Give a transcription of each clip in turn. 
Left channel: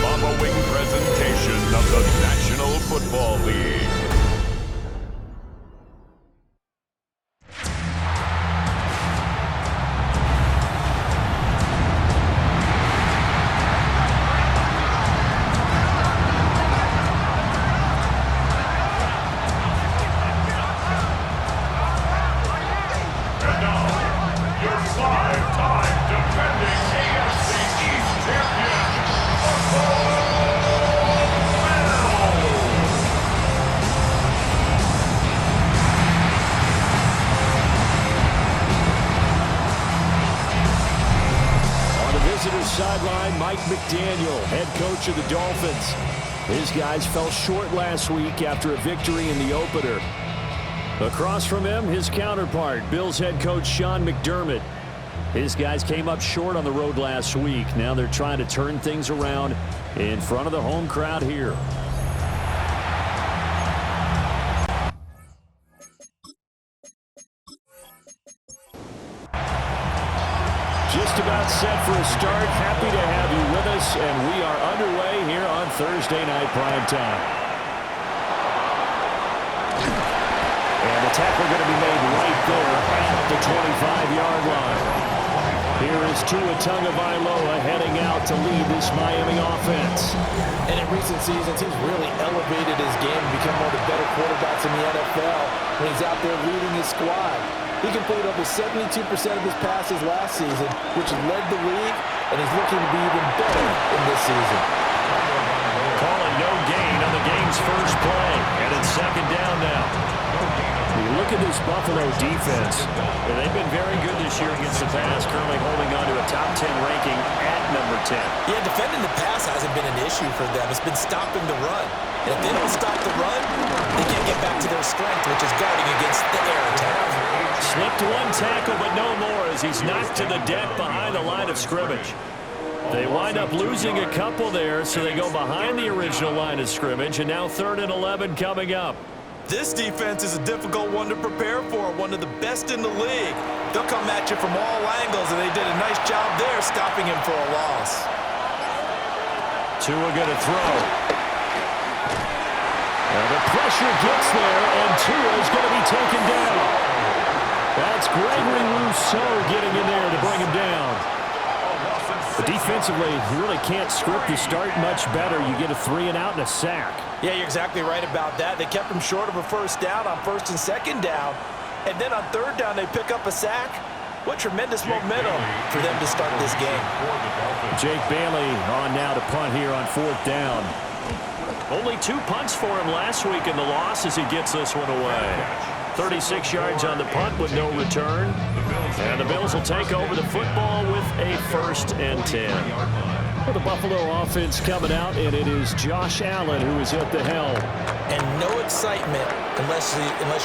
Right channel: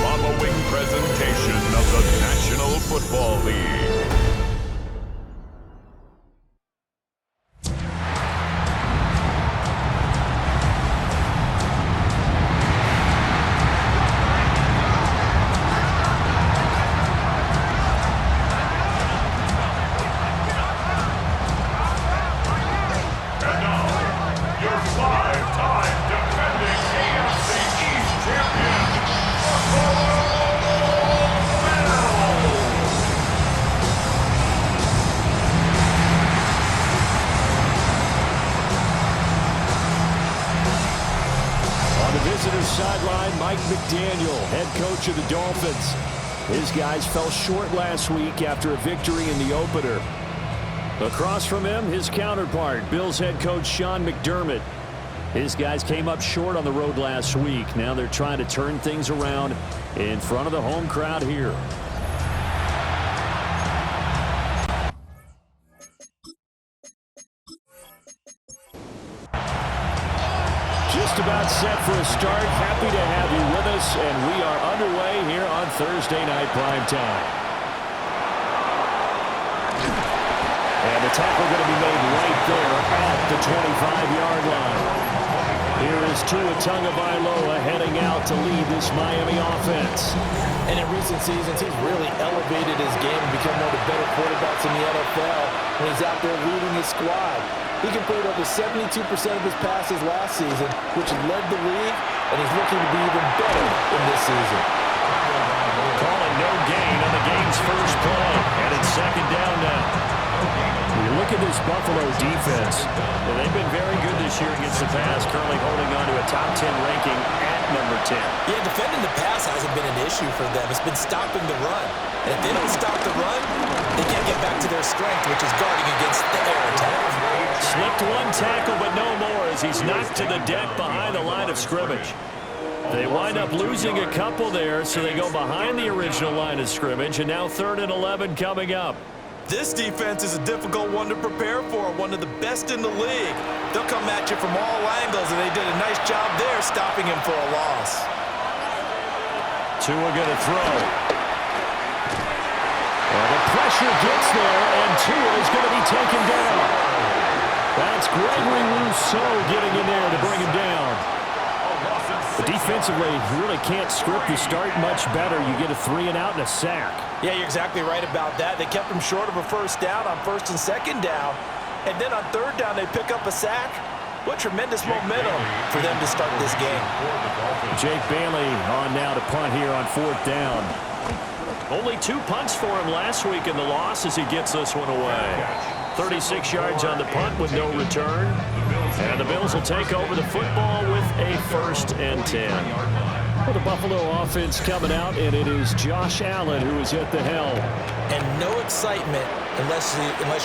following presentation of the National Football League. Visitor's sideline, Mike McDaniel, head coach of the Dolphins. His guys fell short last week after a victory in the opener. Across from him, his counterpart, Bills head coach Sean McDermott. His guys came up short on the road last week. Now they're trying to turn things around in front of the home crowd here. Just about set for a start. Happy to have you with us, and we are underway here on Thursday Night Primetime. And the tackle going to be made right there at the 25-yard line. Here is Tua Tagovailoa heading out to lead this Miami offense. And in recent seasons, he's really elevated his game and become one of the better quarterbacks in the NFL when he's out there leading his squad. He completed over 72% of his passes last season, which led the league, and he's looking to be even better in this season. Calling no gain on the game's first play, and it's second down now. You look at this Buffalo defense, and they've been very good this year against the pass, currently holding on to a top 10 ranking at number 10. Yeah, defending the pass hasn't been an issue for them. It's been stopping the run. And if they don't stop the run, they can't get back to their strength, which is guarding against the air attack. Slipped one tackle, but no more as he's knocked to the deck behind the line of scrimmage. They wind up losing a couple there, so they go behind the original line of scrimmage, and now 3rd and 11 coming up. This defense is a difficult one to prepare for, one of the best in the league. They'll come at you from all angles, and they did a nice job there stopping him for a loss. Tua going to throw. And the pressure gets there, and Tua is going to be taken down. That's Gregory Rousseau getting in there to bring him down. But defensively, you really can't script the start much better. You get a 3-and-out and a sack. Yeah, you're exactly right about that. They kept him short of a first down on 1st and 2nd down. And then on 3rd down, they pick up a sack. What tremendous momentum for them to start this game. Jake Bailey on now to punt here on 4th down. Only 2 punts for him last week in the loss as he gets this one away. 36 yards on the punt with no return. And the Bills will take over the football with a 1st and 10. Well, the Buffalo offense coming out, and it is Josh Allen who is at the helm. And no excitement unless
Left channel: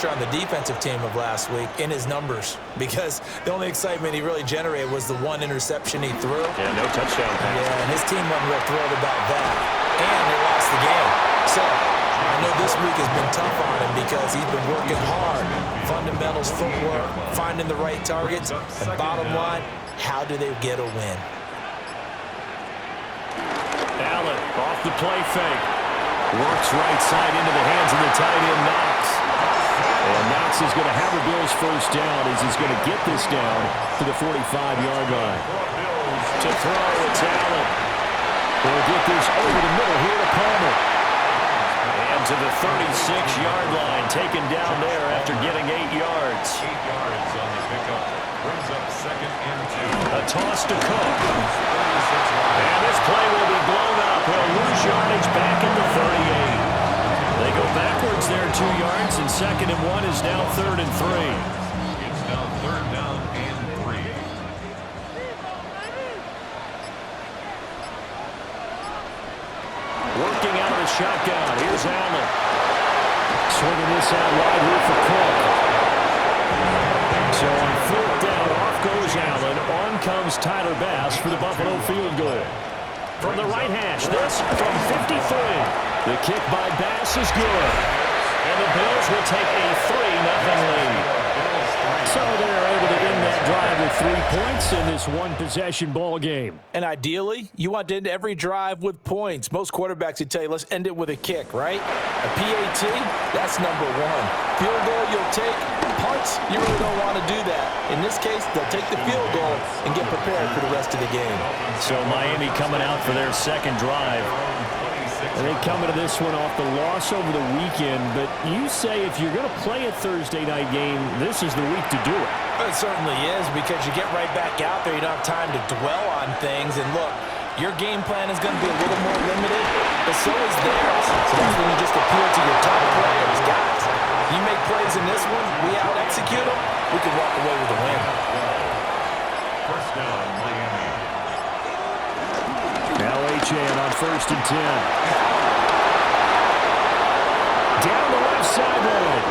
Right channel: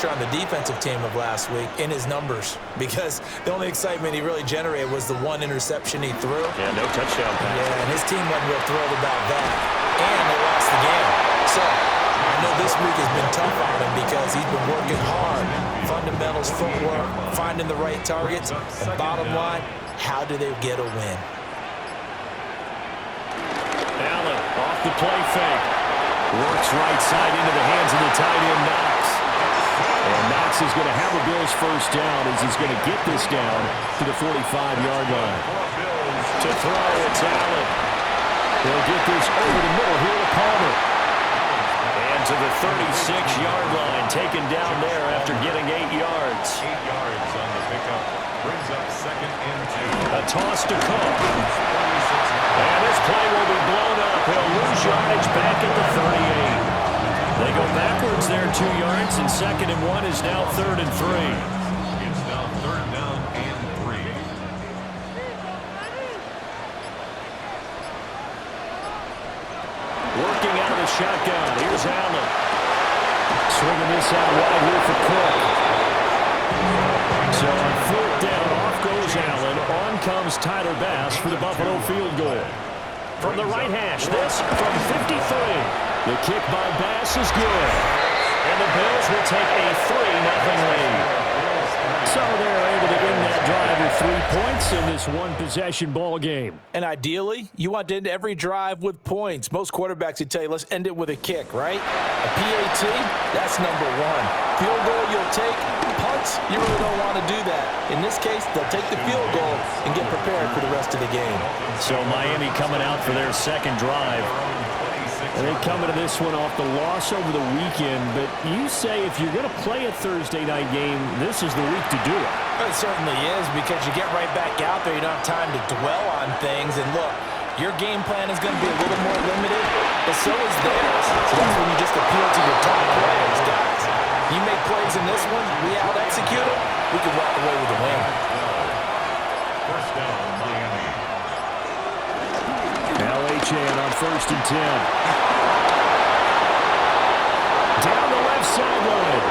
you're on the defensive team of last week in his numbers, because the only excitement he really generated was the 1 interception he threw. Yeah, no touchdown pass. Yeah, and his team wasn't real thrilled about that. And they lost the game. So I know this week has been tough on him because he's been working hard. Fundamentals, footwork, finding the right targets. And bottom line, how do they get a win? Allen off the play fake. Works right side into the hands of the tight end, Knox. And Knox is going to have a Bills first down as he's going to get this down to the 45-yard line. To throw, it's Allen. They'll get this over the middle here to Palmer. And to the 36-yard line, taken down there after getting 8 yards. 8 yards on the pickup. Brings up 2nd and 2. A toss to Cook. And this play will be blown up. He'll lose yardage back at the 38. They go backwards there 2 yards, and 2nd and 1 is now 3rd and 3. It's now 3rd down and 3. Working out of the shotgun. Here's Allen. Swinging this out wide here for Cook. So on 4th down, off goes Allen. On comes Tyler Bass for the Buffalo field goal. From the right hash, this from 53. The kick by Bass is good. And the Bills will take a 3-0 lead. So they're able to end that drive with 3 points in this one-possession ball game. And ideally, you want to end every drive with points. Most quarterbacks would tell you, let's end it with a kick, right? A PAT, that's number one. Field goal you'll take. Punts, you really don't want to do that. In this case, they'll take the field goal and get prepared for the rest of the game. So Miami coming out for their second drive. And they come into this one off the loss over the weekend, but you say if you're going to play a Thursday night game, this is the week to do it. It certainly is, because you get right back out there. You don't have time to dwell on things. And look, your game plan is going to be a little more limited, but so is theirs. So that's when you just appeal to your top players. Guys, you make plays in this one, we out-execute them, we can walk away with a win. First down, Miami. Now Achane on 1st and 10. Down the left sideline.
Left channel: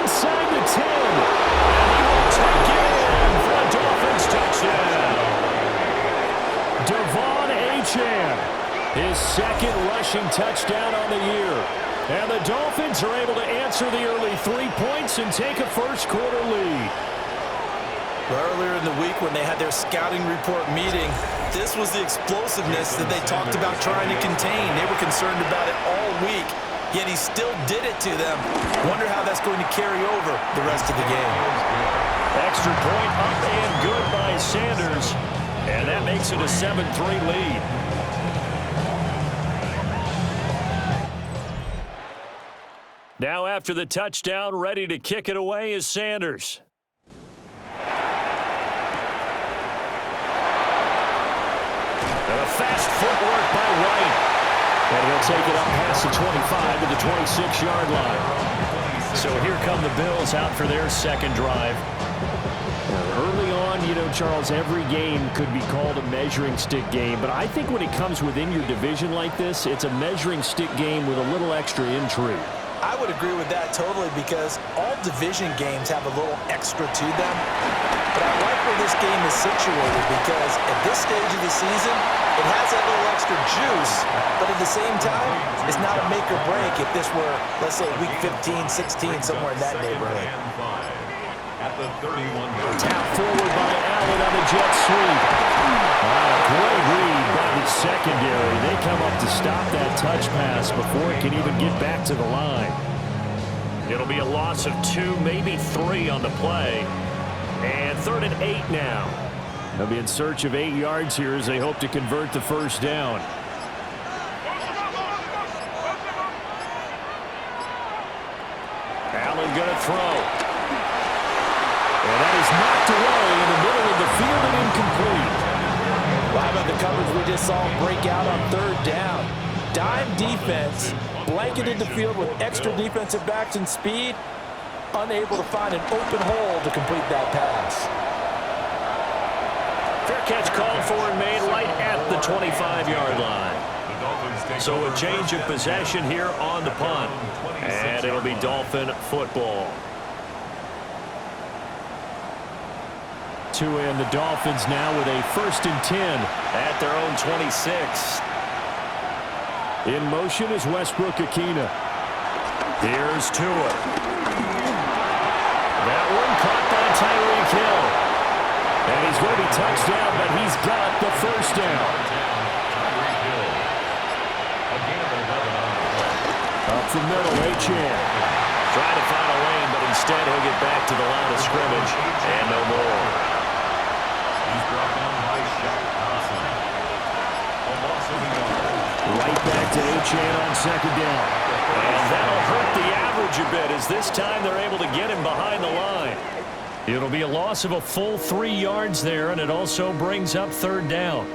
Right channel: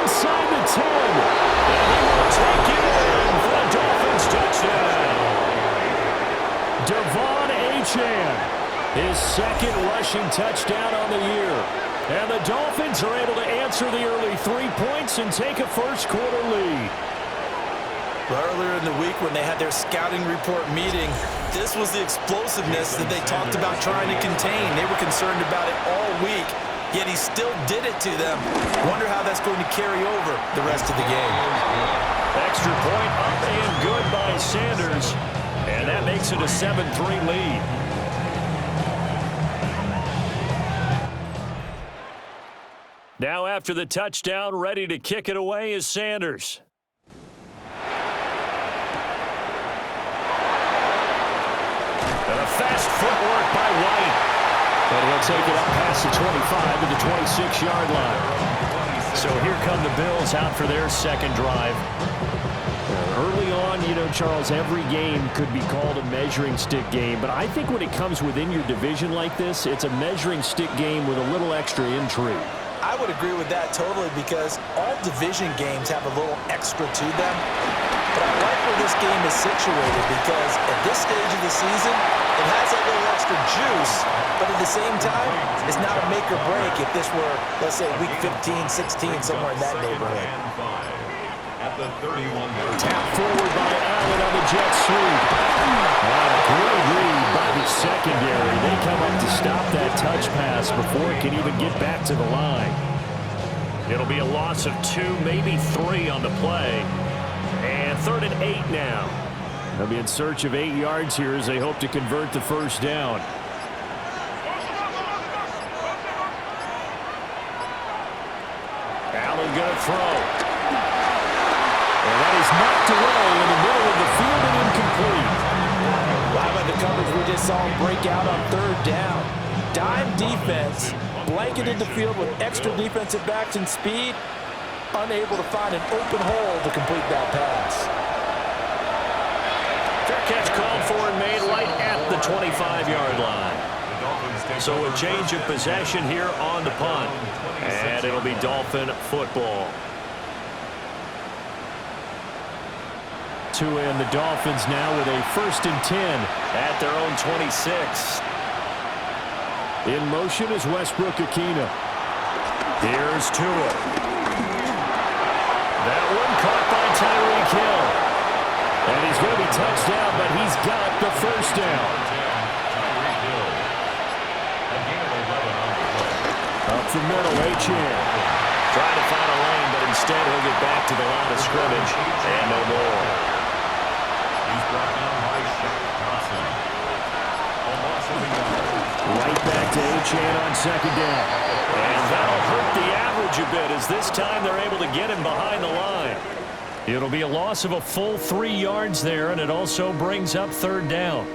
Inside the 10. And he will take it in for a Dolphins touchdown. Devon Achane, his second rushing touchdown on the year. And the Dolphins are able to answer the early 3 points and take a first-quarter lead. Earlier in the week when they had their scouting report meeting, this was the explosiveness that they talked about trying to contain. They were concerned about it all week, yet he still did it to them. Wonder how that's going to carry over the rest of the game. Extra point up and good by Sanders. And that makes it a 7-3 lead. Now after the touchdown, ready to kick it away is Sanders. And a fast footwork by White. And he'll take it up past the 25 to the 26-yard line. So here come the Bills out for their second drive. Early on, you know, Charles, every game could be called a measuring stick game. But I think when it comes within your division like this, it's a measuring stick game with a little extra intrigue. I would agree with that totally, because all division games have a little extra to them. But I like where this game is situated, because at this stage of the season, it has that little extra juice, but at the same time, it's not a make or break if this were, let's say, week 15, 16, somewhere in that neighborhood. At the 31-yard Tap forward by Allen on the jet sweep. A great read by the secondary. They come up to stop that touch pass before it can even get back to the line. It'll be a loss of 2, maybe 3 on the play. And 3rd and 8 now. They'll be in search of 8 yards here as they hope to convert the first down. Allen going to throw. And that is knocked away in the middle of the field and incomplete. Well, how about the coverage we just saw break out on 3rd down? Dime defense, blanketed the field with extra defensive backs and speed, unable to find an open hole to complete that pass. Fair catch called for and made right at the 25-yard line. So a change of possession here on the punt. And it'll be Dolphin football. To end the Dolphins now with a 1st and 10 at their own 26. In motion is Westbrook-Ikhine. Here's Tua. That one caught by Tyreek Hill. And he's going to be touched down, but he's got the first down. Up the middle, Achane. Trying to find a lane, but instead he'll get back to the line of scrimmage. And no more. He's brought down by Shaq Thompson. A loss of a yard. Right back to Achane on 2nd down. And that'll hurt the average a bit, as this time they're able to get him behind the line. It'll be a loss of a full 3 yards there, and it also brings up 3rd down.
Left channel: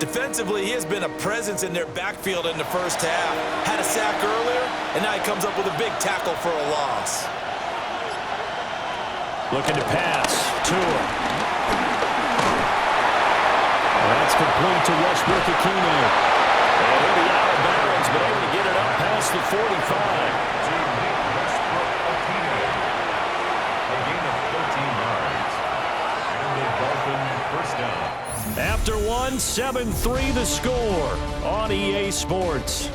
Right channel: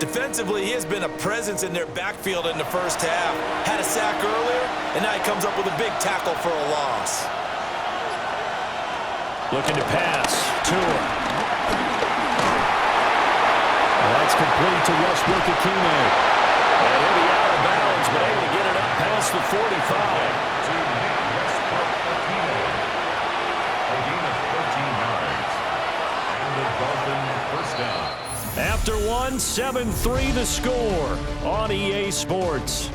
Defensively, he has been a presence in their backfield in the first half. Had a sack earlier, and now he comes up with a big tackle for a loss. Looking to pass. Tua. That's complete to Westbrook-Ikhine. And he'll be out of bounds, but able to get it up past the 45. To Nick Westbrook-Ikhine. A gain of 13 yards. And the Dolphin first down. After 1, 7-3 the score on EA Sports.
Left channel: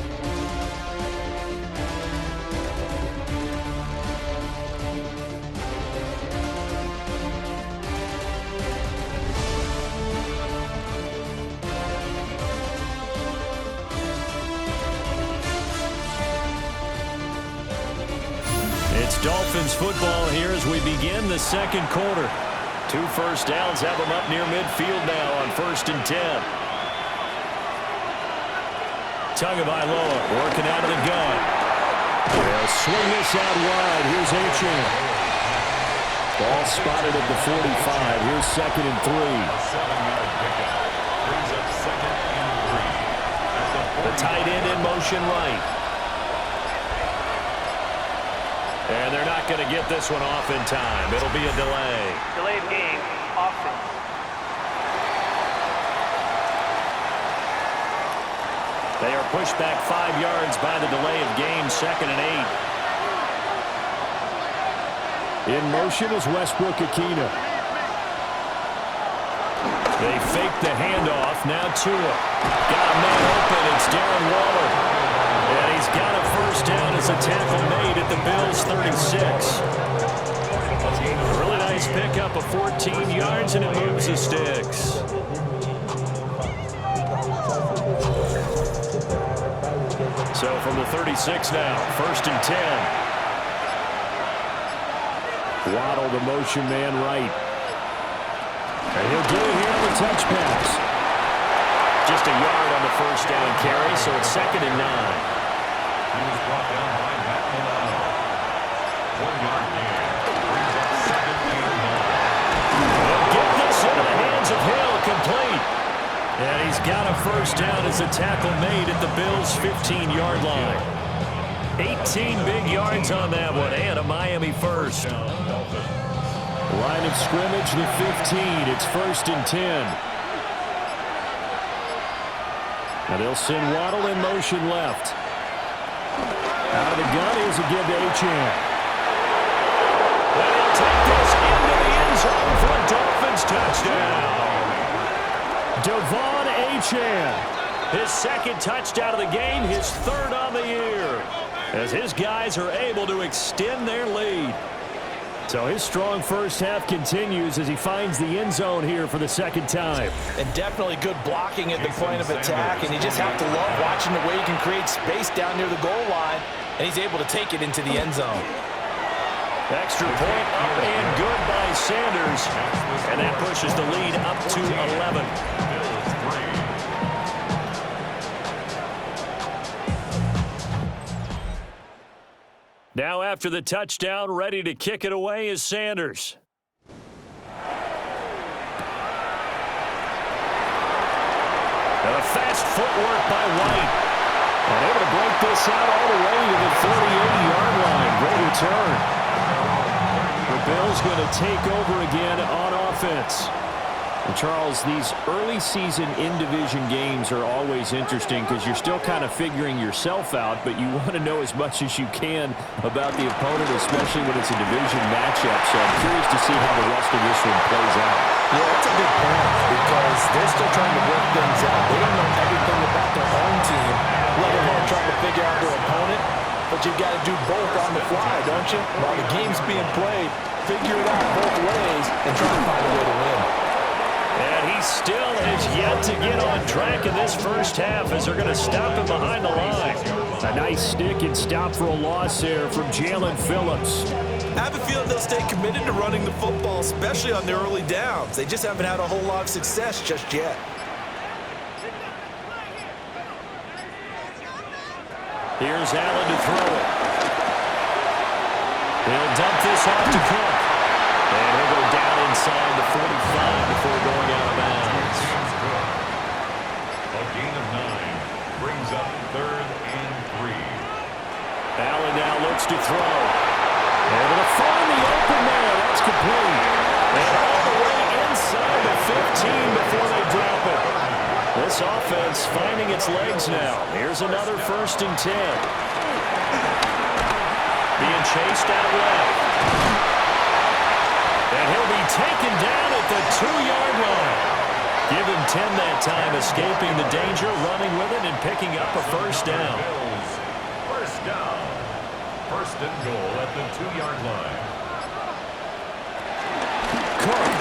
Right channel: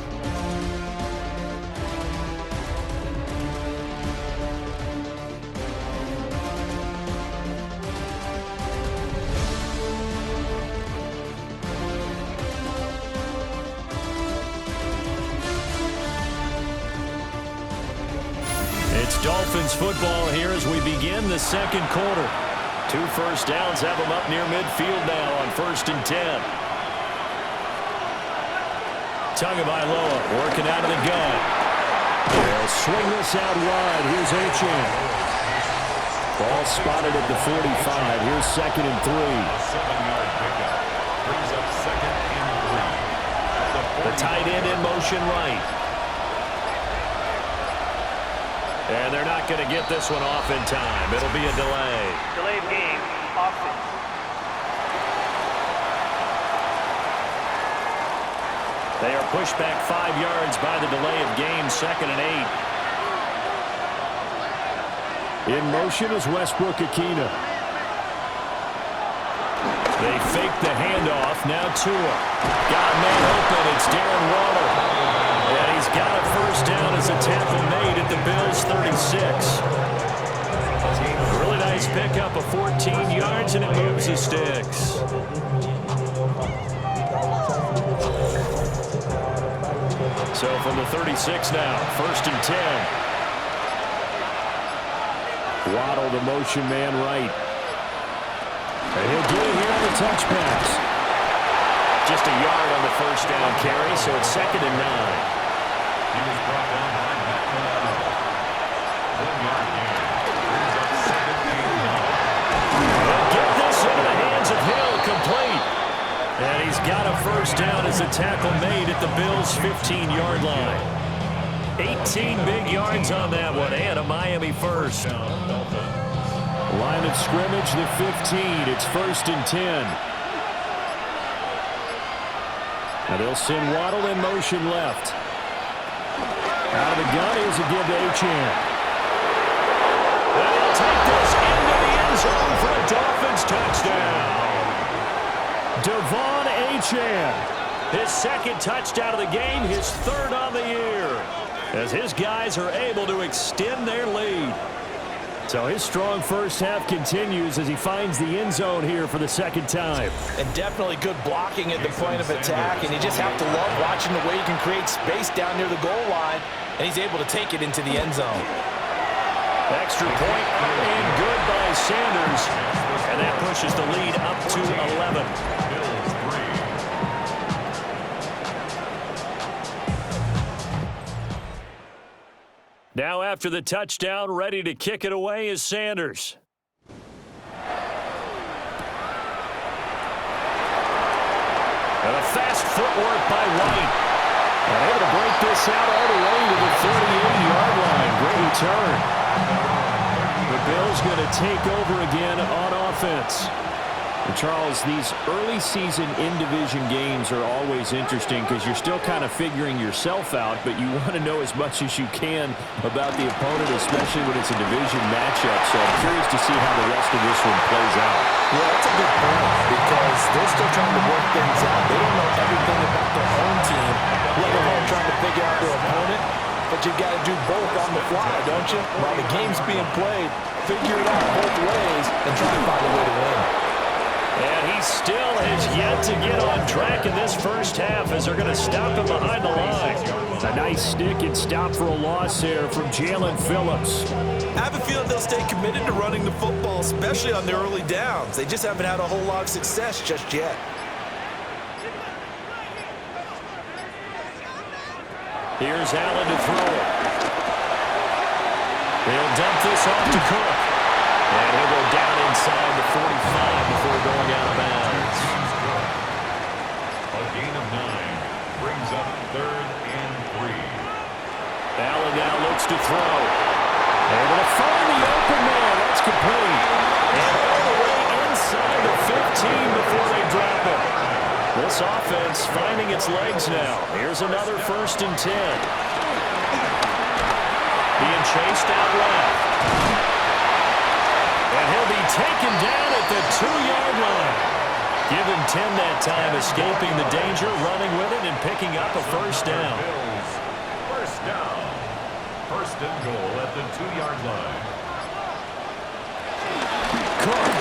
It's Dolphins football here as we begin the second quarter. 2 first downs have them up near midfield now on 1st and 10. Tagovailoa working out of the gun. They'll swing this out wide. Here's Achane. Ball spotted at the 45. Here's 2nd and 3. A 7-yard pickup brings up 2nd and 3. The tight end in motion right. And they're not going to get this one off in time. It'll be a delay. Delay of game, offense. They are pushed back 5 yards by the delay of game, 2nd and 8. In motion is Westbrook-Ikhine. They fake the handoff. Now Tua. Got a man open. It's Darren Waller. And he's got a first down as a tackle made at the Bills' 36. A really nice pickup of 14 yards, and it moves the sticks. So from the 36 now, 1st and 10. Waddle, the motion man right. And he'll get it here on the touch pass. Just a yard on the first down carry, so it's 2nd and 9. He was brought down by Matt Milano. 1-yard gain brings up 2nd and 9. They'll get this into the hands of Hill, complete. And he's got a first down as a tackle made at the Bills' 15-yard line. 18 big yards on that one, and a Miami first. Line of scrimmage, the 15. It's 1st and 10. Now they'll send Waddle in motion left. Out of the gun, here's a give to Achane. And he'll take this into the end zone for a Dolphins touchdown. Devon Achane, his 2nd touchdown of the game, his 3rd on the year, as his guys are able to extend their lead. So his strong first half continues as he finds the end zone here for the 2nd time. And definitely good blocking at the point of attack, and you just have to love watching the way he can create space down near the goal line, and he's able to take it into the end zone. Extra point up and good by Sanders, and that pushes the lead up to 11. Bills 3. Now after the touchdown, ready to kick it away is Sanders. And a fast footwork by White. And able to break this out all the way to the 38-yard line. Great return. The Bills going to take over again on offense. And Charles, these early season in-division games are always interesting because you're still kind of figuring yourself out, but you want to know as much as you can about the opponent, especially when it's a division matchup. So I'm curious to see how the rest of this one plays out. Yeah, that's a good point because they're still trying to work things out. They don't know everything about their own team, let alone trying to figure out their opponent. But you've got to do both on the fly, don't you? While the game's being played, figure it out both ways and try to find a way to win. And he still has yet to get on track in this first half as they're going to stop him behind the line. A nice stick and stop for a loss there from Jalen Phillips. I have a feeling they'll stay committed to running the football, especially on their early downs. They just haven't had a whole lot of success just yet. Here's Allen to throw it. He'll dump this off to Cook. And he'll go down inside the 45 before going out of bounds. A gain of 9 brings up 3rd and 3. Allen now looks to throw. Able to find the open man. That's complete. And all the way inside the 15 before they drop it. This offense finding its legs now. Here's another 1st and 10. Being chased out left. And he'll be taken down at the 2-yard line. Give him 10 that time, escaping the danger, running with it, and picking up a first down. Bills, first down. 1st and goal at the 2-yard line. Cook.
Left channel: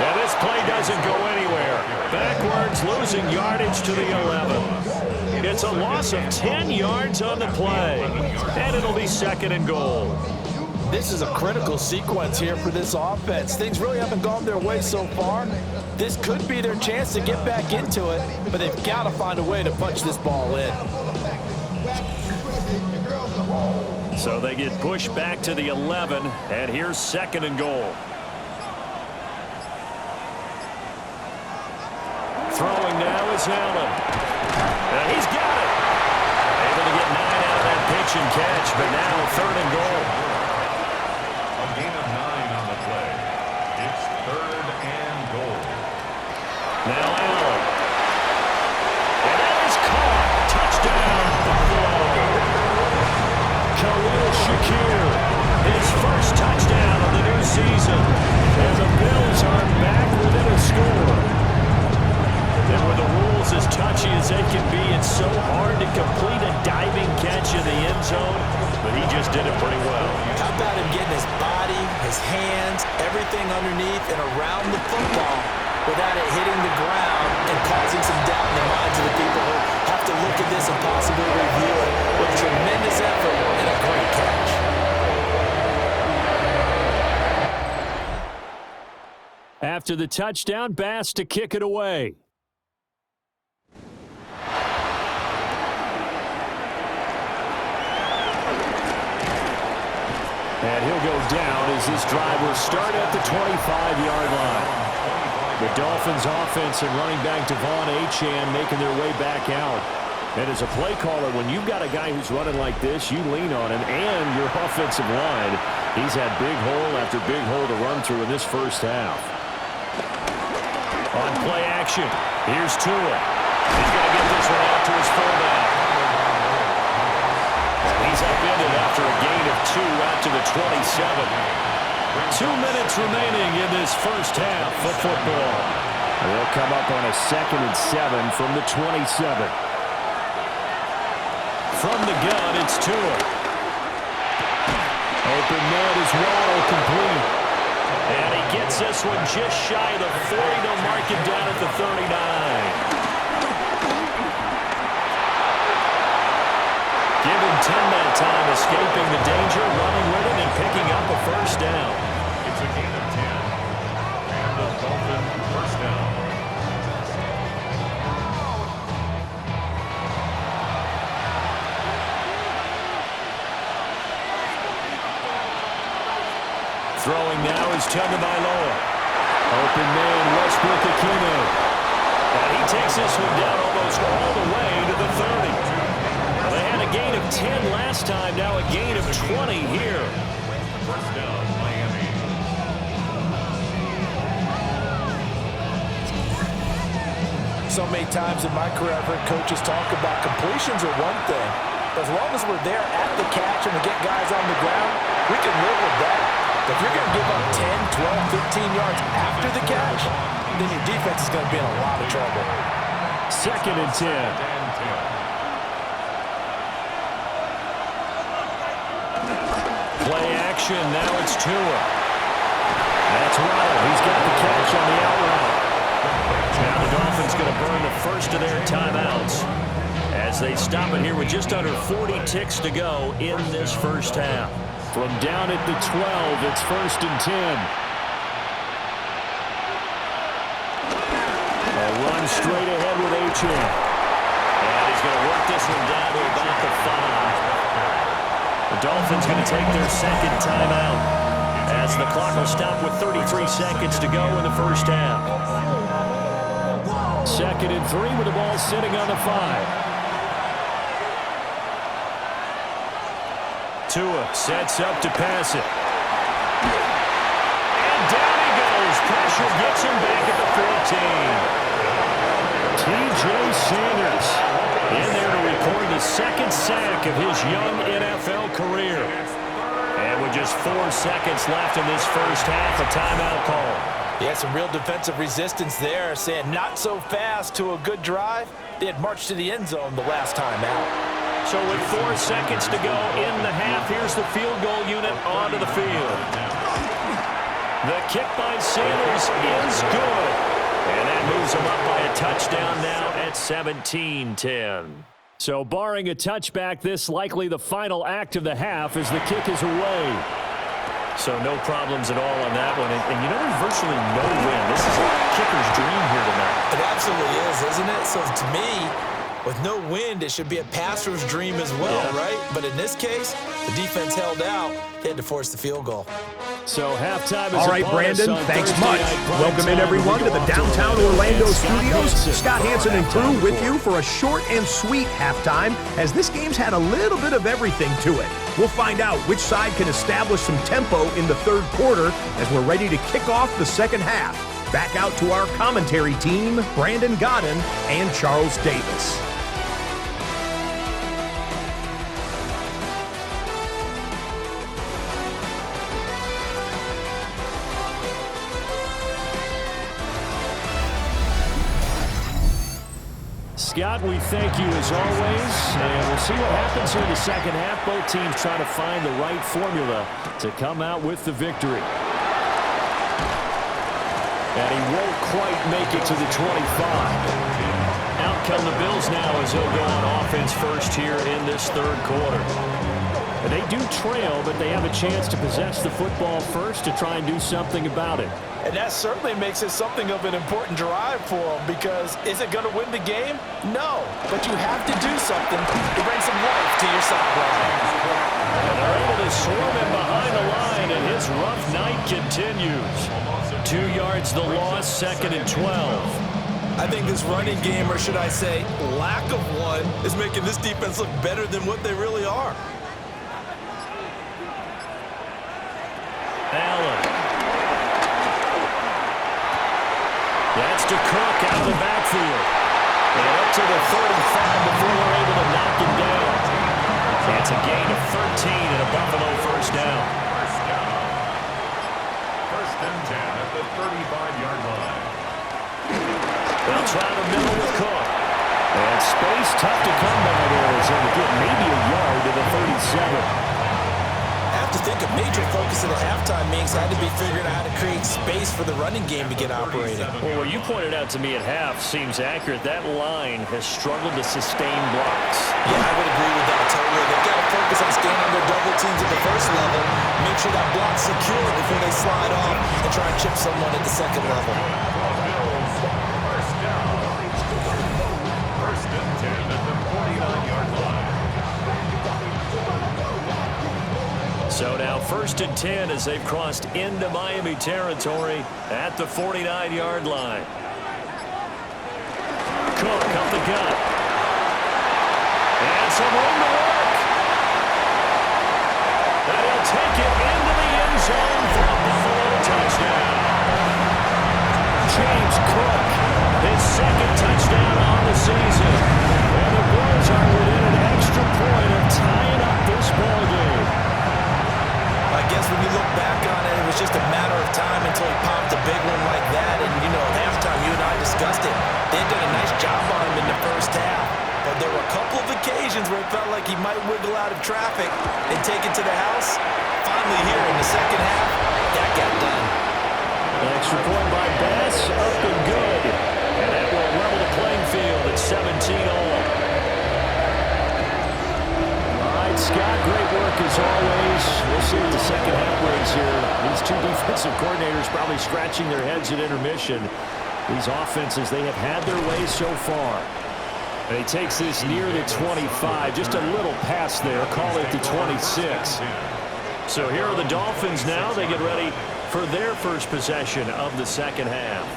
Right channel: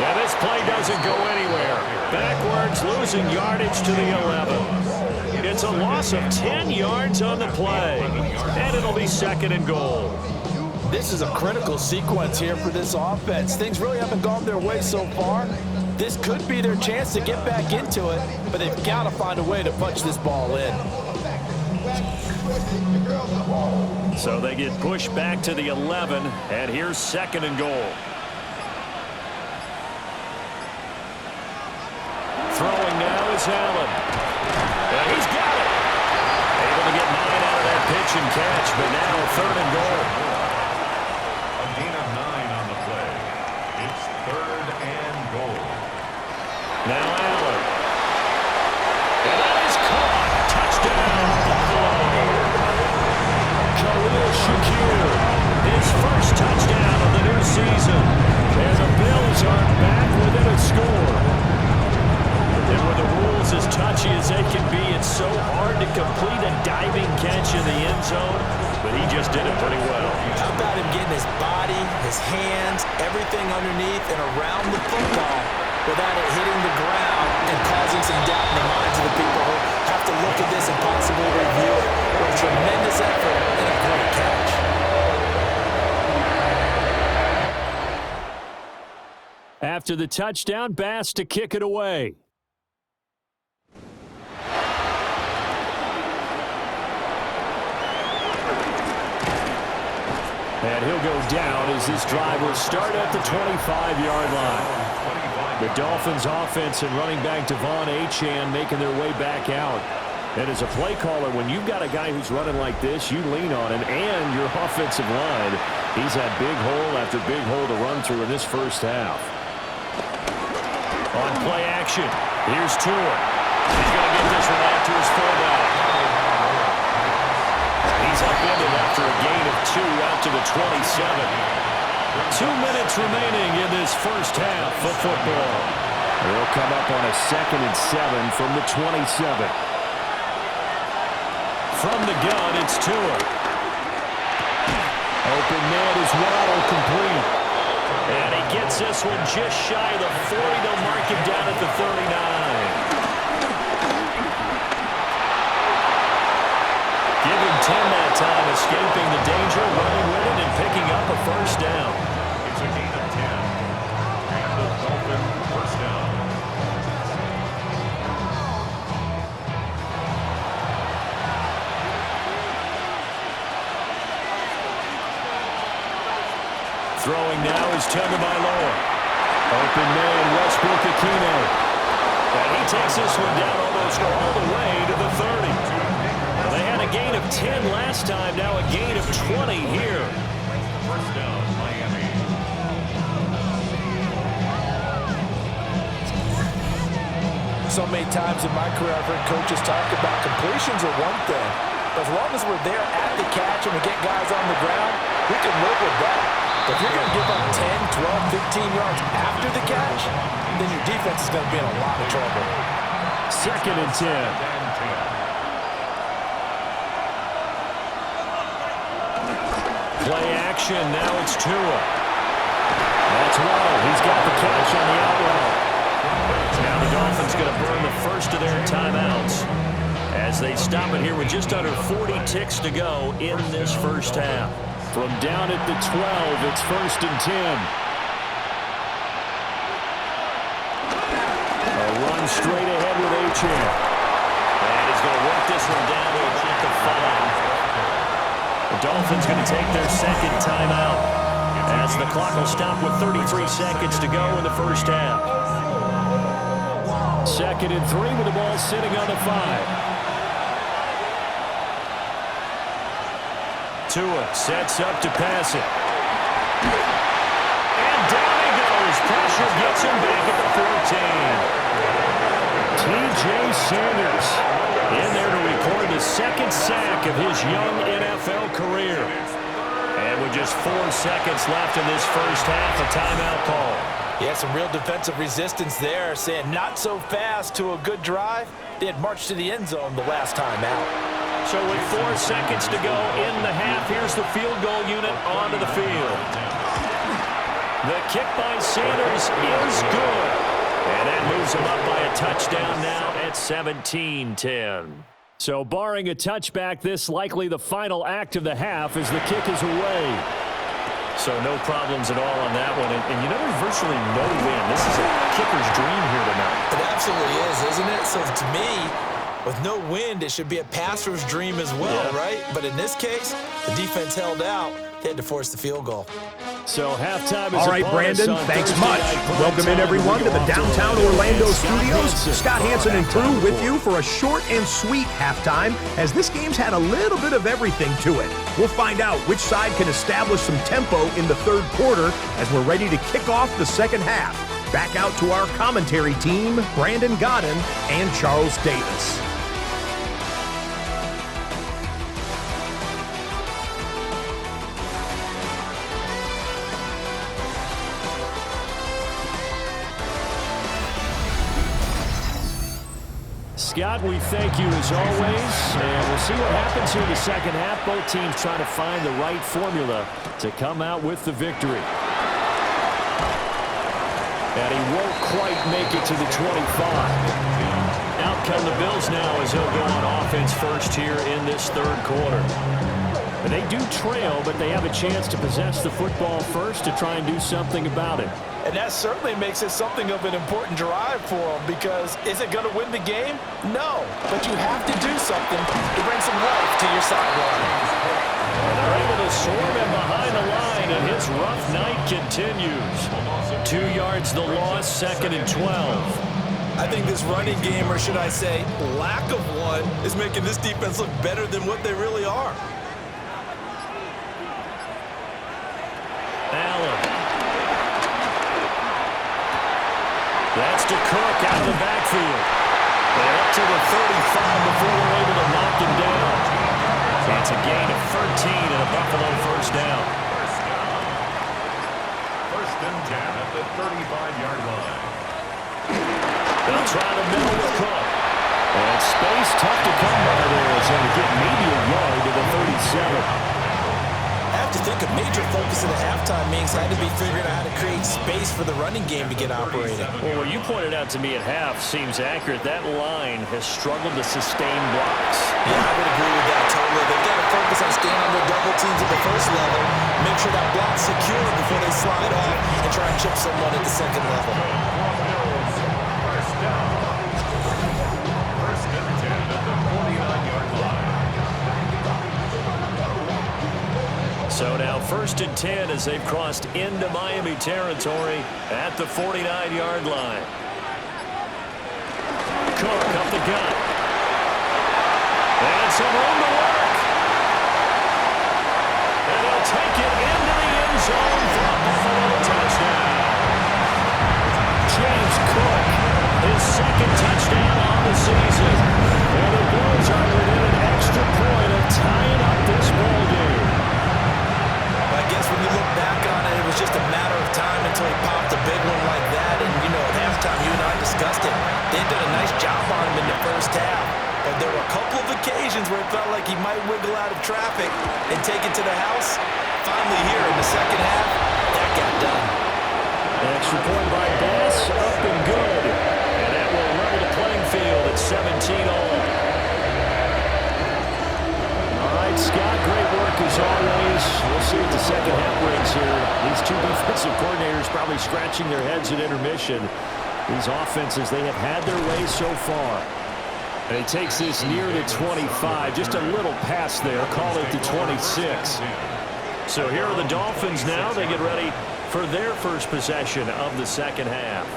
And this this play doesn't go anywhere. Backwards, losing yardage to the 11. It's a loss of 10 yards on the play, and it'll be 2nd and goal. This is a critical sequence here for this offense. Things really haven't gone their way so far. This could be their chance to get back into it, but they've got to find a way to punch this ball in. So they get pushed back to the 11, and here's 2nd and goal. Throwing now is Allen. He's got it. Able to get 9 out of that pitch and catch, but now 3rd and goal. A gain of 9 on the play. It's 3rd and goal. Now Allen. And that is caught. Touchdown, Buffalo. Khalil Shakir, his first touchdown of the new season. And the Bills are back within a score. And with the rules as touchy as they can be, it's so hard to complete a diving catch in the end zone, but he just did it pretty well. How about him getting his body, his hands, everything underneath and around the football without it hitting the ground and causing some doubt in the minds of the people who have to look at this and possibly review it. With a tremendous effort and a great catch. After the touchdown, Bass to kick it away. And he'll go down as this drive will start at the 25-yard line. The Dolphins offense and running back Devon Achane making their way back out. And as a play caller, when you've got a guy who's running like this, you lean on him and your offensive line. He's had big hole after big hole to run through in this first half. On play action, here's Tua. He's going to get this one out to his fullback. He's upended after a gain of 2 out to the 27. 2 minutes remaining in this first half of football. They'll come up on a 2nd and 7 from the 27. From the gun, it's Tua. Open man is Waddle, complete. And he gets this one just shy of the 40. They'll mark him down at the 39. Give him 10 that time, escaping the danger, running with it, and picking up a first down. It's a gain of 10. And the Dolphin first down. Throwing now is Tagovailoa. Open man, Westbrook Akine. And he takes this one down almost all the way to the 30. Well, they had a gain of 10 last time, now a gain of 20 here. First down, Miami. So many times in my career, I've heard coaches talk about completions are one thing. But as long as we're there at the catch and we get guys on the ground, we can live with that. But if you're going to give up 10, 12, 15 yards after the catch, then your defense is going to be in a lot of trouble. 2nd and 10. Play action, now it's Tua. That's Waddle, he's got the catch on the out route. Now the Dolphins going to burn the first of their timeouts as they stop it here with just under 40 ticks to go in this first half. From down at the 12, it's 1st and 10. A run straight ahead with Achane. And he's going to work this one down to about the 5. The Dolphins going to take their 2nd timeout as the clock will stop with 33 seconds to go in the first half. 2nd and 3 with the ball sitting on the 5. Tua sets up to pass it. And down he goes. Pressure gets him back at the 14. T.J. Sanders in there to record the 2nd sack of his young NFL career. And with just 4 seconds left in this first half, a timeout call. Yeah, some real defensive resistance there, saying not so fast to a good drive. They had marched to the end zone the last time out. So with 4 seconds to go in the half, here's the field goal unit onto the field. The kick by Sanders is good. And that moves them up by a touchdown now at 17-10. So barring a touchback, this likely the final act of the half as the kick is away. So no problems at all on that one. And you know, there's virtually no win. This is a kicker's dream here tonight. It absolutely is, isn't it? So to me, with no wind, it should be a passer's dream as well, right? But in this case, the defense held out. They had to force the field goal. So halftime is all right, Brandon, thanks much. Welcome in, everyone, to the downtown Orlando studios. Scott Hansen and crew with you for a short and sweet halftime, as this game's had a little bit of everything to it. We'll find out which side can establish some tempo in the third quarter as we're ready to kick off the second half. Back out to our commentary team, Brandon Godden and Charles Davis. Scott, we thank you as always, and we'll see what happens here in the second half. Both teams trying to find the right formula to come out with the victory. And he won't quite make it to the 25. Out come the Bills now as they'll go on offense first here in this third quarter. And they do trail, but they have a chance to possess the football first to try and do something about it. And that certainly makes it something of an important drive for them, because is it going to win the game? No, but you have to do something to bring some life to your sideline. And they're able to swarm him behind the line, and his rough night continues. 2 yards the loss, 2nd and 12. I think this running game, or should I say lack of one, is making this defense look better than what they really are. Allen. That's to Cook out of the backfield. And up to the 35 before they're able to knock him down. It's a gain of 13 and a Buffalo first down. First and 10 at the 35-yard line. They'll try the middle with Cook. And space tough to come by there as they'll get maybe a yard to the 37. I have to think a major focus of the halftime means had to be figuring out how to create space for the running game to get operating. Well, what you pointed out to me at half seems accurate. That line has struggled to sustain blocks. Yeah, I would agree with that totally. They've got to focus on staying on their double teams at the first level, make sure that block's secure before they slide off and try and chip someone at the second level. First down. First and 10 at the 49-yard line. So now 1st and 10 as they've crossed into Miami territory at the 49-yard line. Cook up the gut. And some room to work. And he'll take it into the end zone for a Buffalo touchdown. James Cook, his 2nd touchdown on the season. And the Bills are within an extra point of tying up this ball game. I guess when you look back on it, it was just a matter of time until he popped a big one like that. And, you know, at halftime, you and I discussed it. They had done a nice job on him in the first half. But there were a couple of occasions where it felt like he might wiggle out of traffic and take it to the house. Finally here in the second half, that got done. An extra point by Bass, up and good. And that will level the playing field at 17 all. Scott, great work as always. We'll see what the second half brings here. These two defensive coordinators probably scratching their heads at intermission. These offenses, they have had their way so far. And he takes this near the 25, just a little past there, call it the 26. So here are the Dolphins now. They get ready for their first possession of the second half.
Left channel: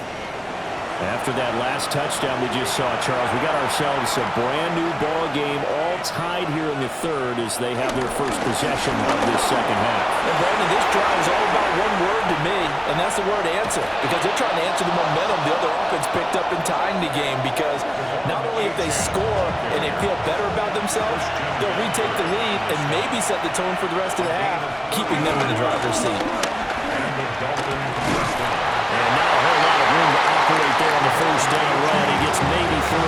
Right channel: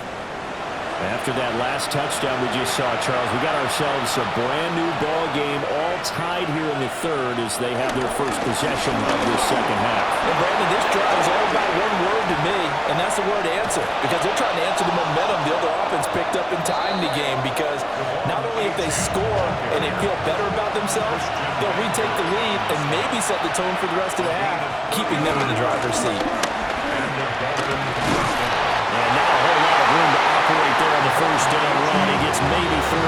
After that last touchdown we just saw, Charles, we got ourselves a brand-new ball game, all tied here in the third as they have their first possession of this second half. And, Brandon, this drive is all about one word to me, and that's the word answer, because they're trying to answer the momentum the other offense picked up in tying the game, because not only if they score and they feel better about themselves, they'll retake the lead and maybe set the tone for the rest of the half, keeping them in the driver's seat. And now a whole lot of room to operate there on the first down run. He gets maybe 3.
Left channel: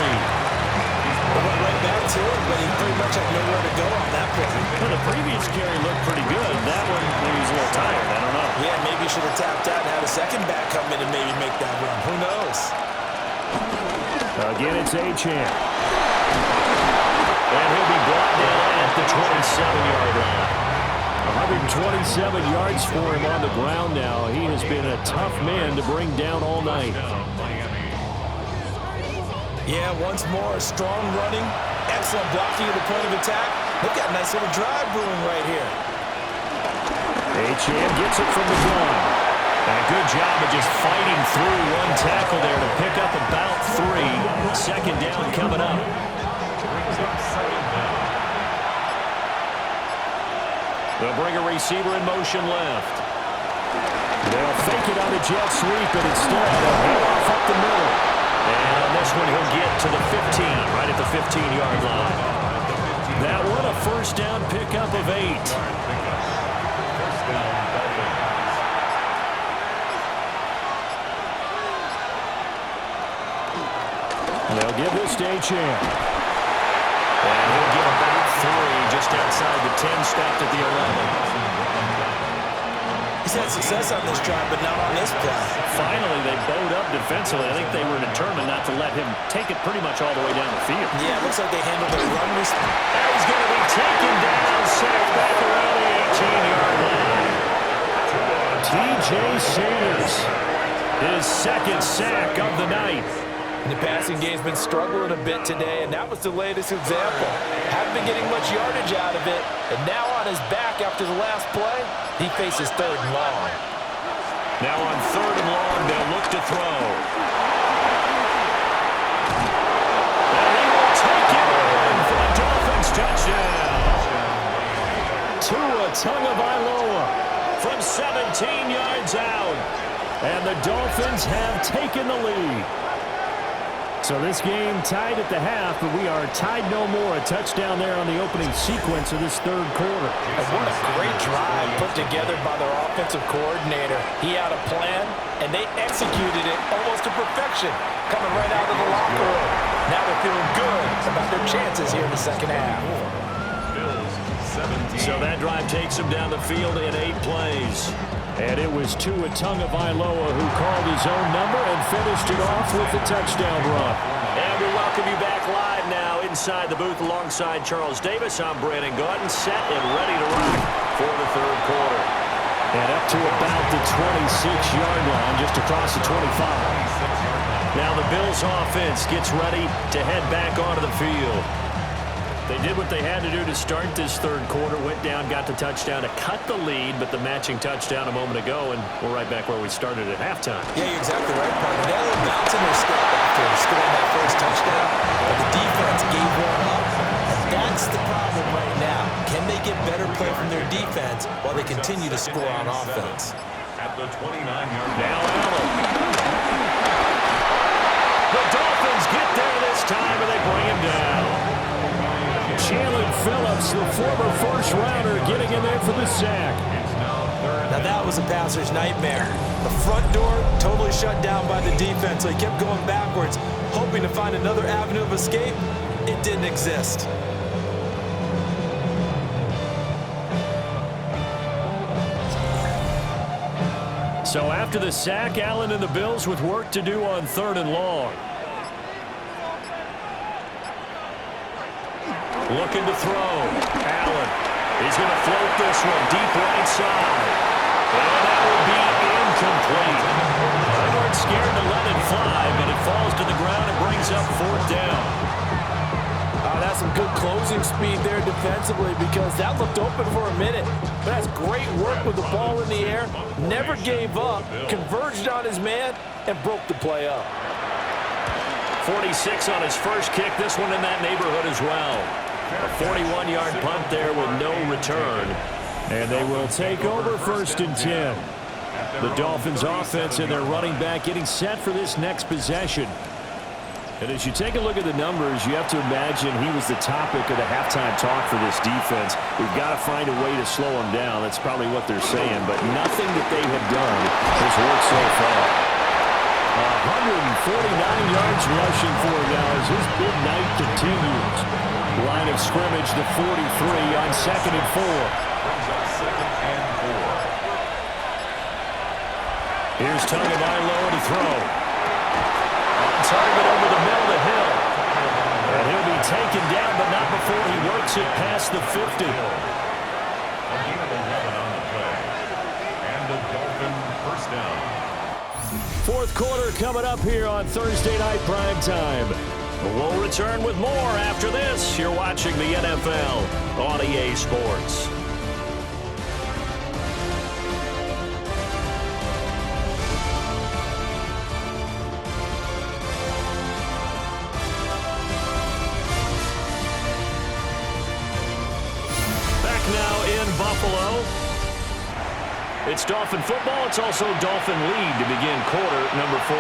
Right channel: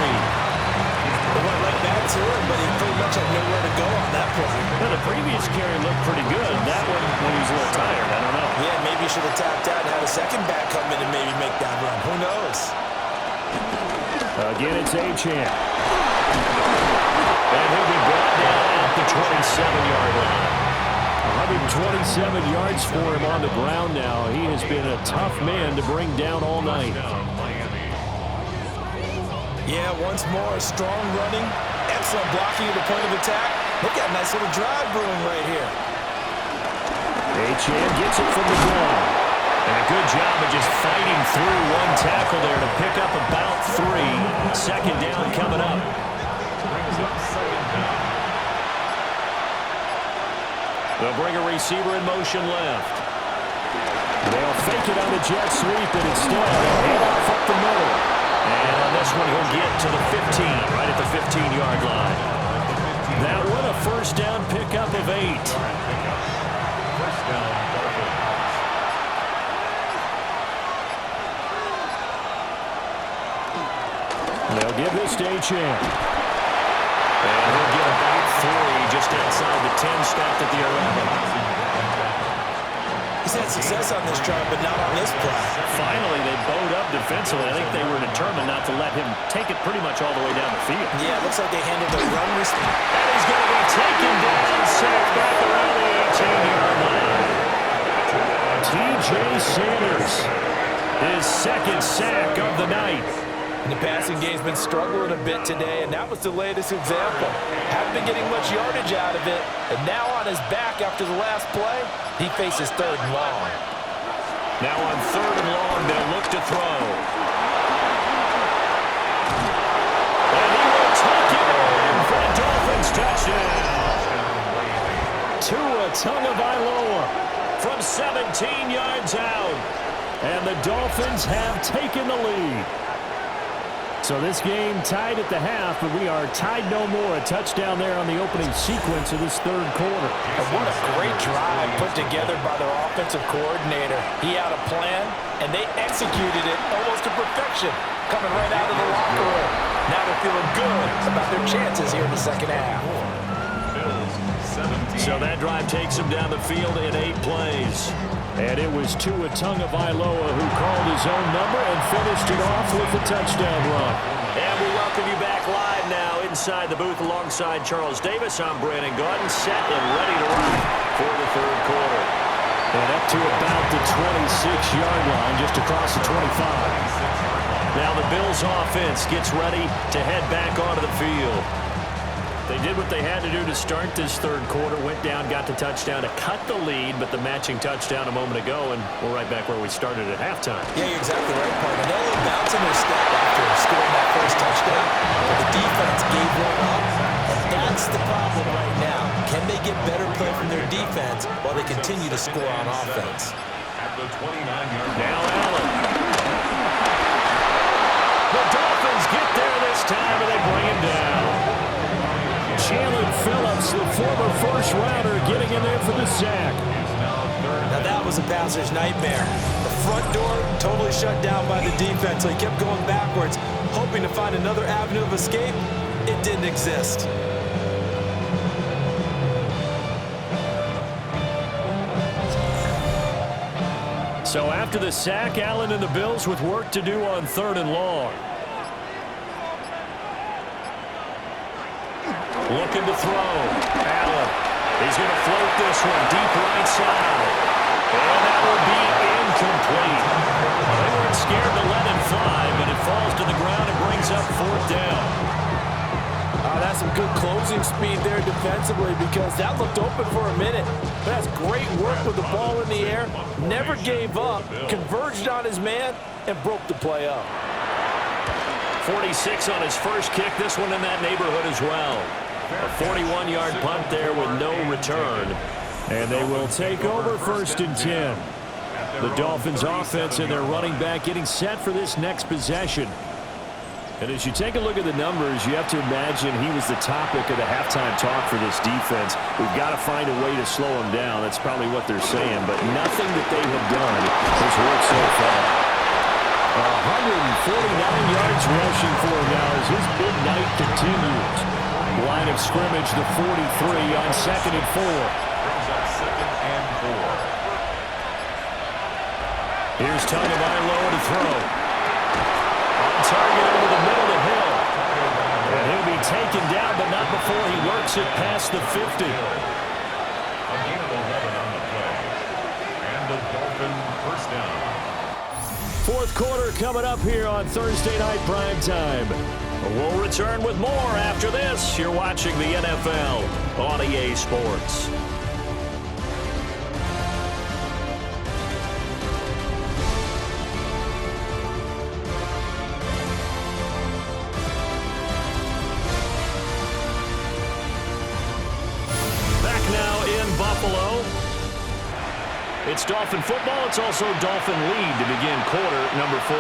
It went right back to him, but he pretty much had nowhere to go on that play. Well, the previous carry looked pretty good. That one, when he was a little tired, I don't know. Yeah, maybe he should have tapped out and had a second back come in and maybe make that run. Who knows? Again, it's Achane. And he'll be brought down at the 27-yard line. 127 yards for him on the ground now. He has been a tough man to bring down all night. Yeah, once more, strong running, excellent blocking at the point of attack. They've got a nice little drive brewing right here. Achane gets it from the gun. And a good job of just fighting through one tackle there to pick up about 3. Second down coming up. Brings up second down. They'll bring a receiver in motion left. They'll fake it on the jet sweep, and instead a handoff up the middle. And on this one, he'll get to the 15, right at the 15-yard line. That one, a first down pickup of 8. First down, Dolphins. They'll give this to Achane. And he'll get about 3 just outside the 10, stopped at the 11. He's had success on this drive, but not on this play. Finally, they bowed up defensively. I think they were determined not to let him take it pretty much all the way down the field. Yeah, it looks like they handled their run. And he's going to be taken down, sacked back around the 18-yard line. T.J. Sanders, his second sack of the night. And the passing game's been struggling a bit today, and that was the latest example. Haven't been getting much yardage out of it, and now on his back after the last play, he faces 3rd and long. Now on 3rd and long, they'll look to throw. And he will take it in for a Dolphins touchdown. Tua Tagovailoa from 17 yards out. And the Dolphins have taken the lead. So this game tied at the half, but we are tied no more. A touchdown there on the opening sequence of this 3rd quarter. And what a great drive put together by their offensive coordinator. He had a plan, and they executed it almost to perfection, coming right out of the locker room. Now they're feeling good about their chances here in the second half. Bills 17. So that drive takes them down the field in 8 plays. And it was Tua Tagovailoa who called his own number and finished it off with a touchdown run. And we welcome you back live now inside the booth alongside Charles Davis. I'm Brandon Gaudin, set and ready to rock for the 3rd quarter. And up to about the 26-yard line, just across the 25. Now the Bills offense gets ready to head back onto the field. They did what they had to do to start this 3rd quarter, went down, got the touchdown to cut the lead, but the matching touchdown a moment ago, and we're right back where we started at halftime. Yeah, you're exactly right, partner. They had a little bounce in their step after scoring that first touchdown, but the defense gave one up, and that's the problem right now. Can they get better play from their defense while they continue to score on offense? At the 29-yard line. Now Allen. The Dolphins get there this time, and they bring him down. Jalen Phillips, the former first-rounder, getting in there for the sack. Now that was a passer's nightmare. The front door totally shut down by the defense, so he kept going backwards, hoping to find another avenue of escape. It didn't exist. So after the sack, Allen and the Bills with work to do on 3rd and long. Looking to throw. Allen. He's going to float this one deep right side. And that will be incomplete. They weren't scared to let it fly, but it falls to the ground and brings up 4th down. That's some good closing speed there defensively, because that looked open for a minute. But that's great work with the ball in the air. Never gave up, converged on his man, and broke the play up. 46 on his first kick. This one in that neighborhood as well. A 41-yard punt there with no return. And they will take over 1st and 10. The Dolphins offense and their running back getting set for this next possession. And as you take a look at the numbers, you have to imagine he was the topic of the halftime talk for this defense. We've got to find a way to slow him down. That's probably what they're saying, but nothing that they have done has worked so far. 149 yards rushing for him now as his big night continues. Line of scrimmage, the 43 on 2nd and 4. Brings up 2nd and 4. Here's Tagovailoa to throw. On target over the middle to Hill. And he'll be taken down, but not before he works it past the 50. A gain of 11 on the play. And a Dolphin first down. Fourth quarter coming up here on Thursday Night Primetime. We'll return with more after this. You're watching the NFL on EA Sports. Back now in Buffalo. It's Dolphin football. It's also Dolphin lead to begin quarter number 4.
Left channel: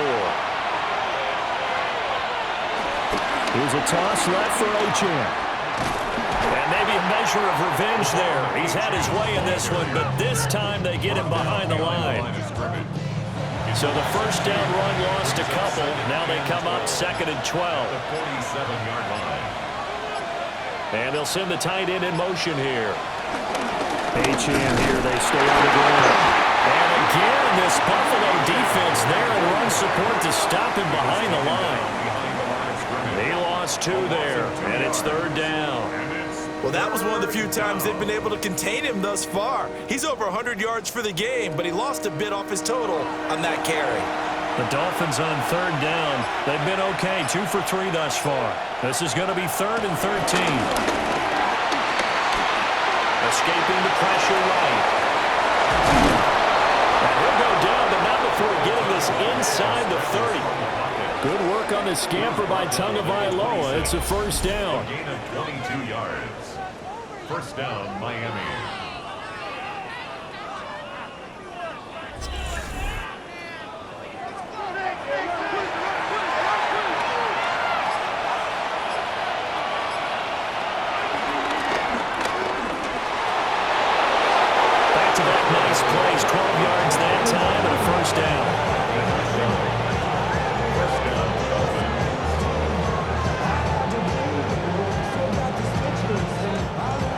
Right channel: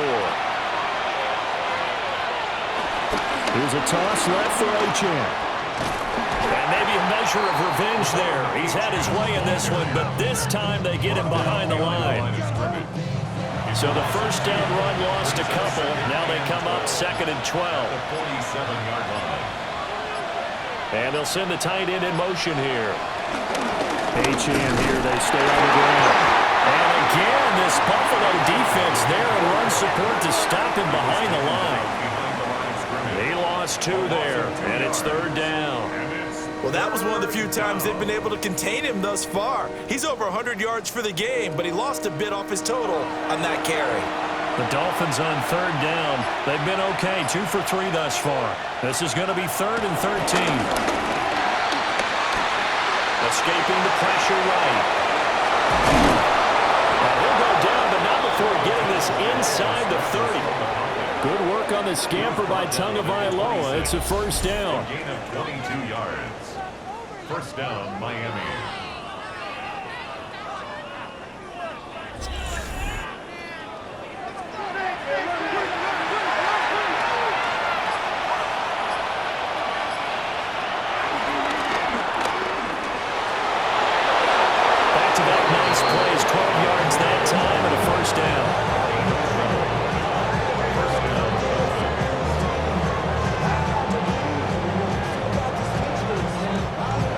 Here's a toss left for Achane. And maybe a measure of revenge there. He's had his way in this one, but this time they get him behind the line. So the first down run lost a couple. Now they come up 2nd and 12. The 47-yard line. And they'll send the tight end in motion here. Achane here, they stay on the ground. And again, this Buffalo defense there in run support to stop him behind the line. He lost 2 there, and it's 3rd down. Well, that was one of the few times they've been able to contain him thus far. He's over 100 yards for the game, but he lost a bit off his total on that carry. The Dolphins on 3rd down. They've been okay, 2 for 3 thus far. This is going to be 3rd and 13. Escaping the pressure right. And he'll go down, but not before getting this inside the 30. Good work on the scamper by Tagovailoa. It's a first down. A gain of 22 yards. First down, Miami. Back-to-back nice plays, 12 yards that time, and a first down. First down, Dolphins.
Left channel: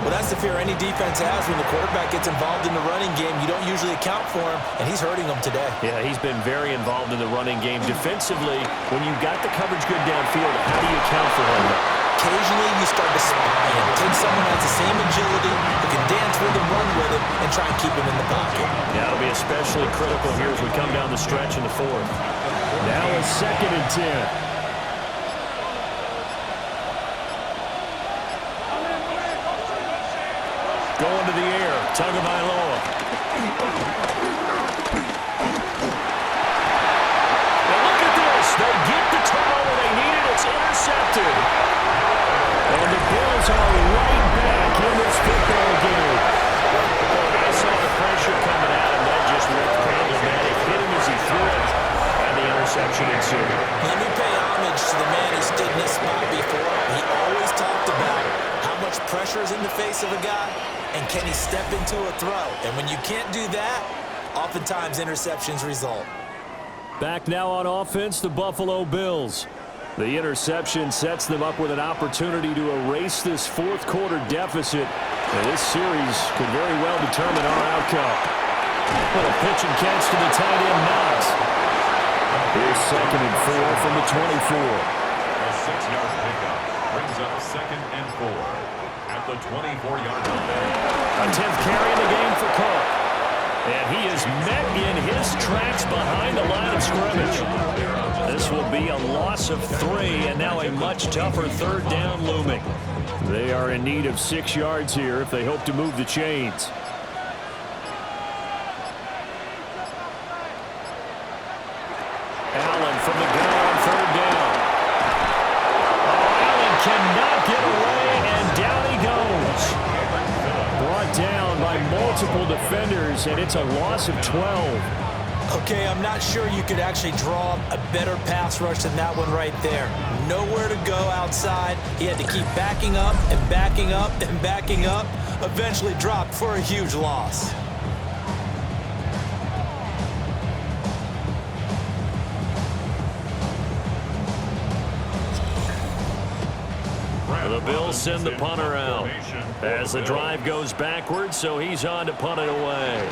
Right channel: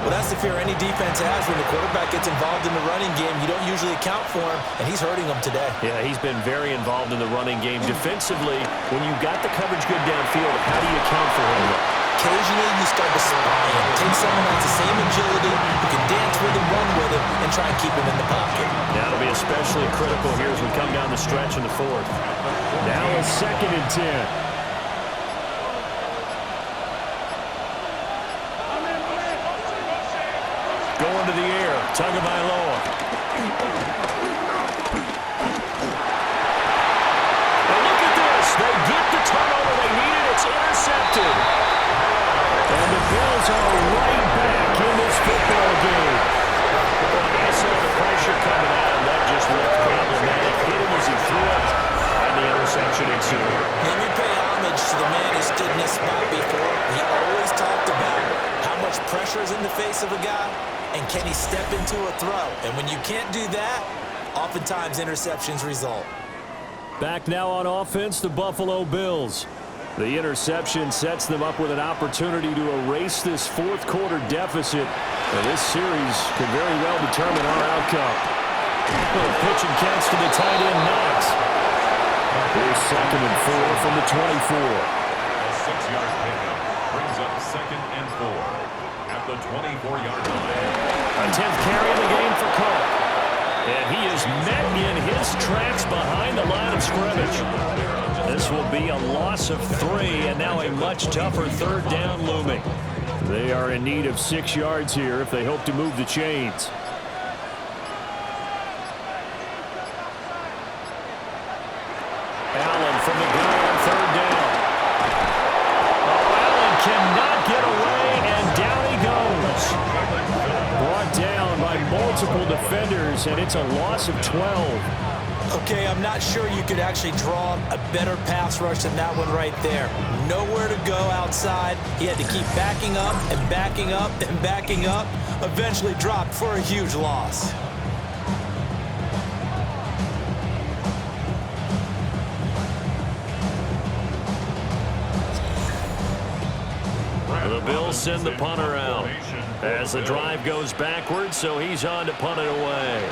Well, that's the fear any defense has when the quarterback gets involved in the running game. You don't usually account for him, and he's hurting them today. Yeah, he's been very involved in the running game. Defensively, when you've got the coverage good downfield, how do you account for him? Occasionally, you start to spy him. Take someone who has the same agility, who can dance with him, run with him, and try and keep him in the pocket. That'll be especially critical here as we come down the stretch in the 4th. Now a 2nd and 10. Going to the air, Tagovailoa. And look at this. They get the turnover they needed. It's intercepted. And the Bills are right back in this football game. Well, I saw the pressure coming at him. That just looked problematic. Hit him as he threw it. And the interception ensued. Let me pay homage to the man who stood in this spot before. He always talked about how much pressure is in the face of a guy, and can he step into a throw? And when you can't do that, oftentimes interceptions result. Back now on offense, the Buffalo Bills. The interception sets them up with an opportunity to erase this 4th quarter deficit. And this series could very well determine our outcome. Little pitch and catch to the tight end, Knox. Here's 2nd and 4 from the 24. A 6-yard pickup brings up 2nd and 4 at the 24-yard line. A 10th carry in the game for Cook. And he is met in his tracks behind the line of scrimmage. This will be a loss of 3, and now a much tougher 3rd down looming. They are in need of 6 yards here if they hope to move the chains. Allen from the gun on 3rd down. Oh, Allen cannot get away, and down he goes. Brought down by multiple defenders, and it's a loss of 12. Okay, I'm not sure you could actually draw a better pass rush than that one right there. Nowhere to go outside. He had to keep backing up and backing up and backing up. Eventually dropped for a huge loss. The Bills send the punter out as the drive goes backwards, so he's on to punt it away.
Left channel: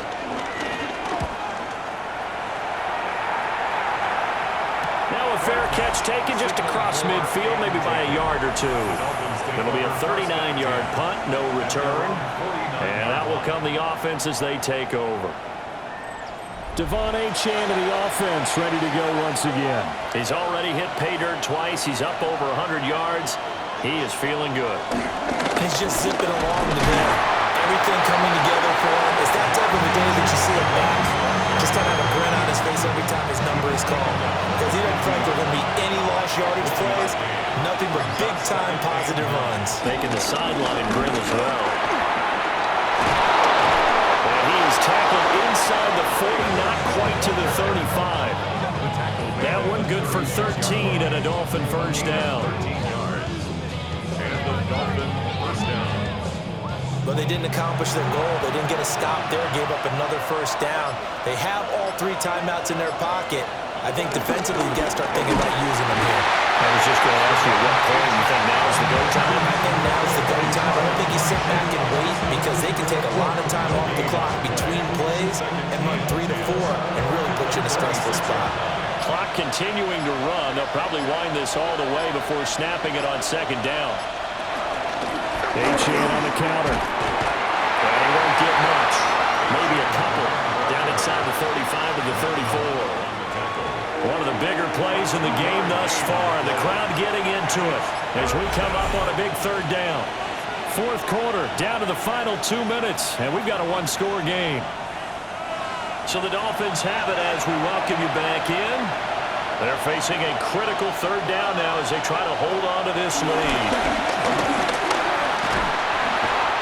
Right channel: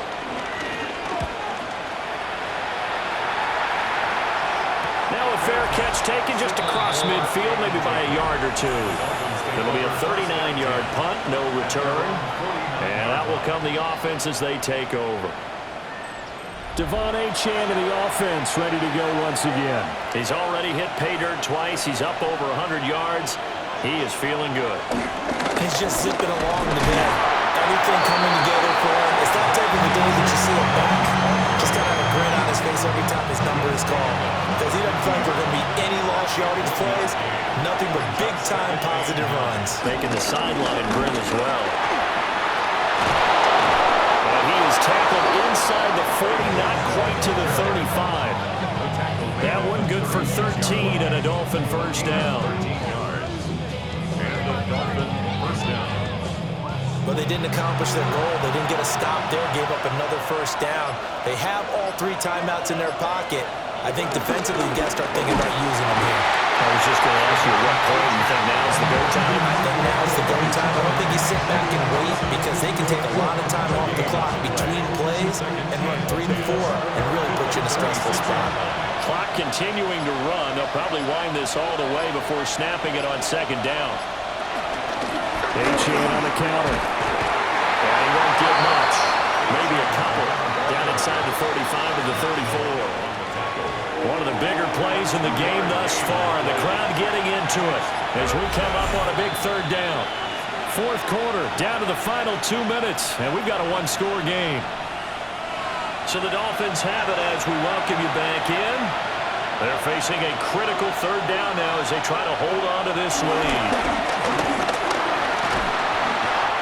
Now a fair catch taken just across midfield, maybe by a yard or two. It'll be a 39-yard punt, no return. And that will come the offense as they take over. Devon Achane to the offense, ready to go once again. He's already hit pay dirt twice. He's up over 100 yards. He is feeling good. He's just zipping along today. Everything coming together for him. It's that type of a day that you see him back. Just kind of have a grin on his face every time his number is called. Because he doesn't feel like there are going to be any lost yardage plays. Nothing but big-time positive runs. Making the sideline grin as well. And he is tackled inside the 40, not quite to the 35. That one good for 13 and a Dolphin first down. 13 yards. And the Dolphin first down. But they didn't accomplish their goal. They didn't get a stop there, gave up another first down. They have all 3 timeouts in their pocket. I think defensively, you got to start thinking about using them here. I was just going to ask you at what point you think now's the go time? I think now's the go time. I don't think you sit back and wait because they can take a lot of time off the clock between plays and run 3 to 4 and really put you in a stressful spot. Clock continuing to run. They'll probably wind this all the way before snapping it on second down. Achane on the counter. And he won't get much. Maybe a couple. Down inside the 35 to the 34. One of the bigger plays in the game thus far. The crowd getting into it as we come up on a big third down. Fourth quarter, down to the final 2 minutes, and we've got a one-score game. So the Dolphins have it as we welcome you back in. They're facing a critical third down now as they try to hold on to this lead.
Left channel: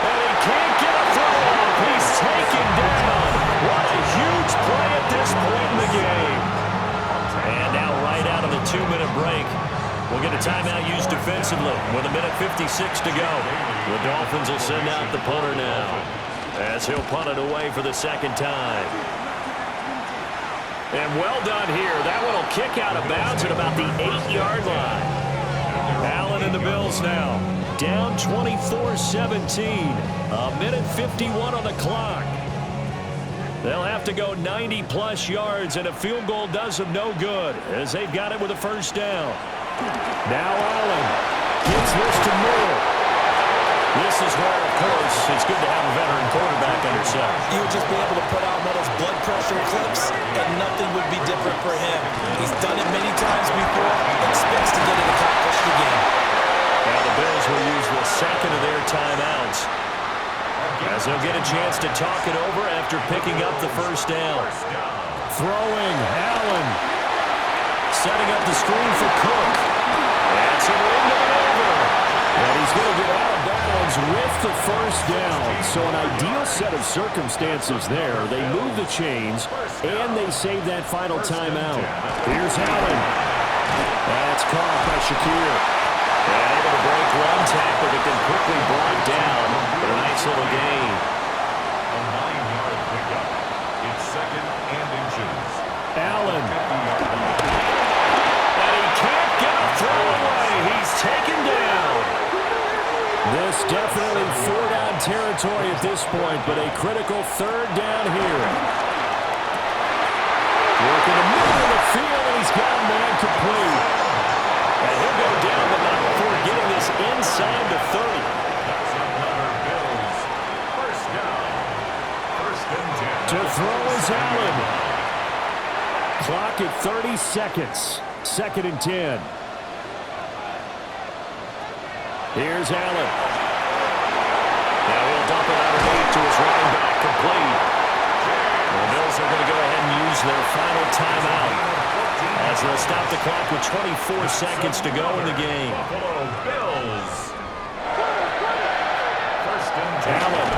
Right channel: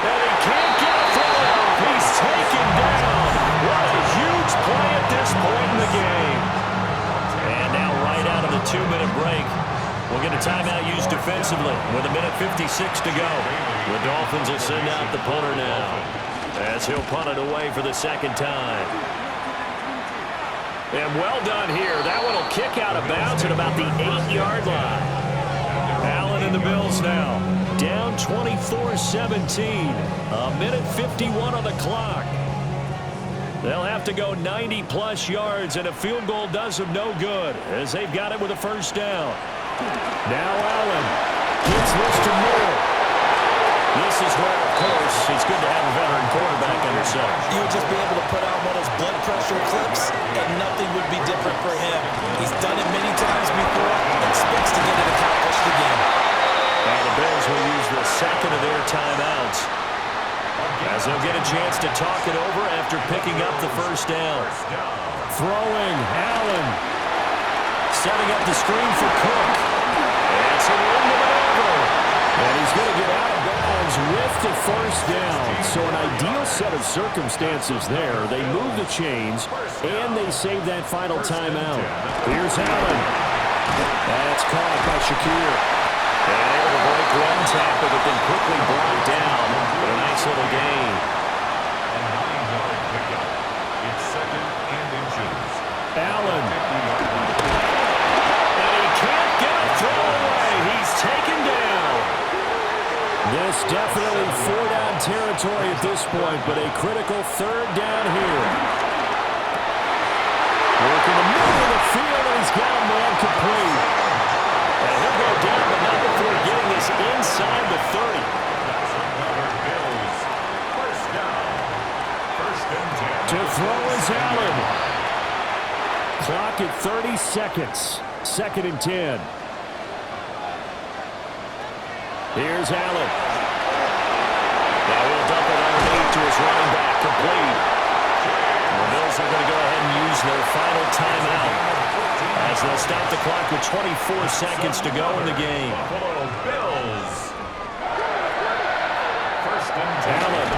And he can't get a throw off. He's taken down. What a huge play at this point in the game. And now right out of the 2-minute break, we'll get a timeout used defensively with 1:56 to go. The Dolphins will send out the punter now as he'll punt it away for the second time. And well done here. That one will kick out of bounds at about the 8-yard line. Allen and the Bills now down 24-17. 1:51 on the clock. They'll have to go 90-plus yards, and a field goal does them no good as they've got it with a first down. Now Allen gets this to Moore. This is where, of course, it's good to have a veteran quarterback under center. You would just be able to put out one of those blood pressure clips, and nothing would be different for him. He's done it many times before, expects to get it accomplished again. Now the Bills will use the second of their timeouts as they'll get a chance to talk it over after picking up the first down. Throwing, Allen. Setting up the screen for Cook. And some room to maneuver. And he's going to get out of bounds with the first down. So an ideal set of circumstances there. They move the chains, and they save that final timeout. Here's Allen. That's caught by Shakir. And able to break one tackle, but then quickly brought down. But a nice little gain. A 9-yard pickup. It's second and inches. Allen. And he can't get a throw away. He's taken down. This definitely 4-down territory at this point, but a critical third down here. Working the middle of the field, and he's got a man complete. And he'll go down, but not before getting this inside the 30. That's another Bills. First down. First and 10. To throw is Allen. Clock at 30 seconds. Second and 10. Here's Allen. Now he'll dump it underneath to his running back, complete. The Bills are going to go ahead and use their final timeout as they'll stop the clock with 24 seconds to go in the game. Buffalo Bills. First and 10. Allen.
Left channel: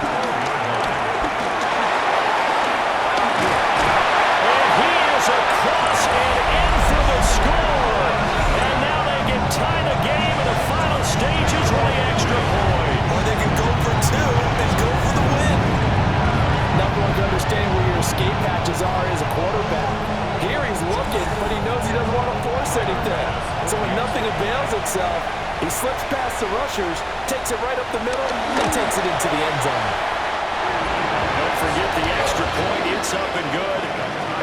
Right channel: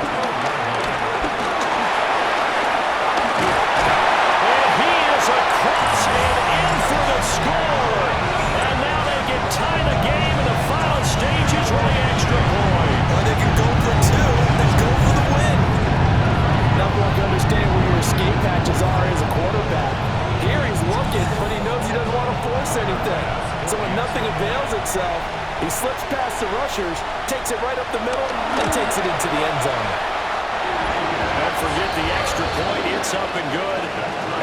And he is across and in for the score. And now they can tie the game in the final stages with the extra point. Or they can go for 2 and go for the win. Number one to understand where your escape patches are as a quarterback. Here he's looking, but he knows he doesn't want to force anything. So when nothing avails itself, He slips past the rushers, takes it right up the middle, and takes it into the end zone. Don't forget the extra point. It's up and good.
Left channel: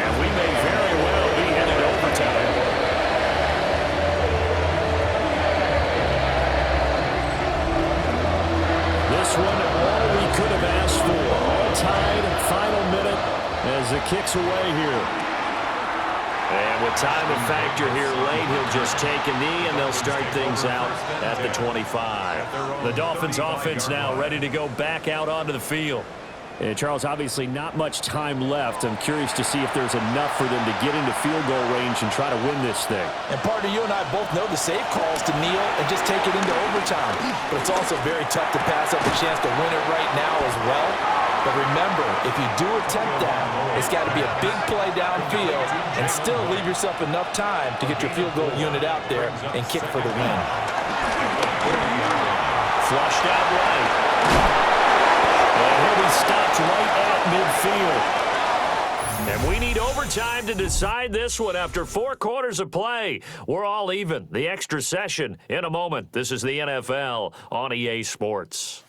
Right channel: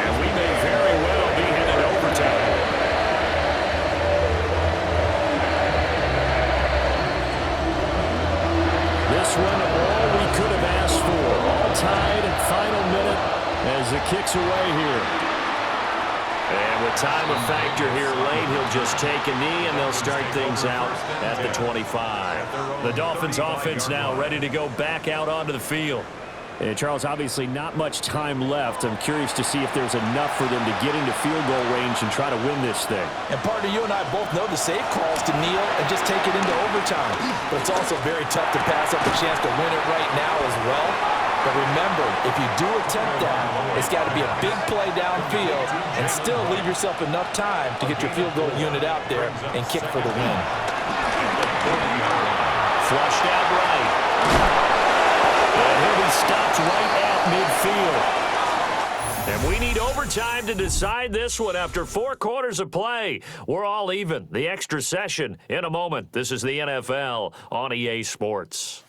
And we may very well be headed to overtime. This one, all we could have asked for. All tied, final minute as the kick's away here. And with time a factor here late, he'll just take a knee, and they'll start things out at the 25. The Dolphins offense now ready to go back out onto the field. And Charles, obviously not much time left. I'm curious to see if there's enough for them to get into field goal range and try to win this thing. And partner, you and I both know the safe calls to kneel and just take it into overtime. But it's also very tough to pass up a chance to win it right now as well. But remember, if you do attempt that, it's got to be a big play downfield and still leave yourself enough time to get your field goal unit out there and kick for the win. Flushed out right. And he'll be stopped right at midfield. And we need overtime to decide this one after 4 quarters of play. We're all even. The extra session in a moment. This is the NFL on EA Sports.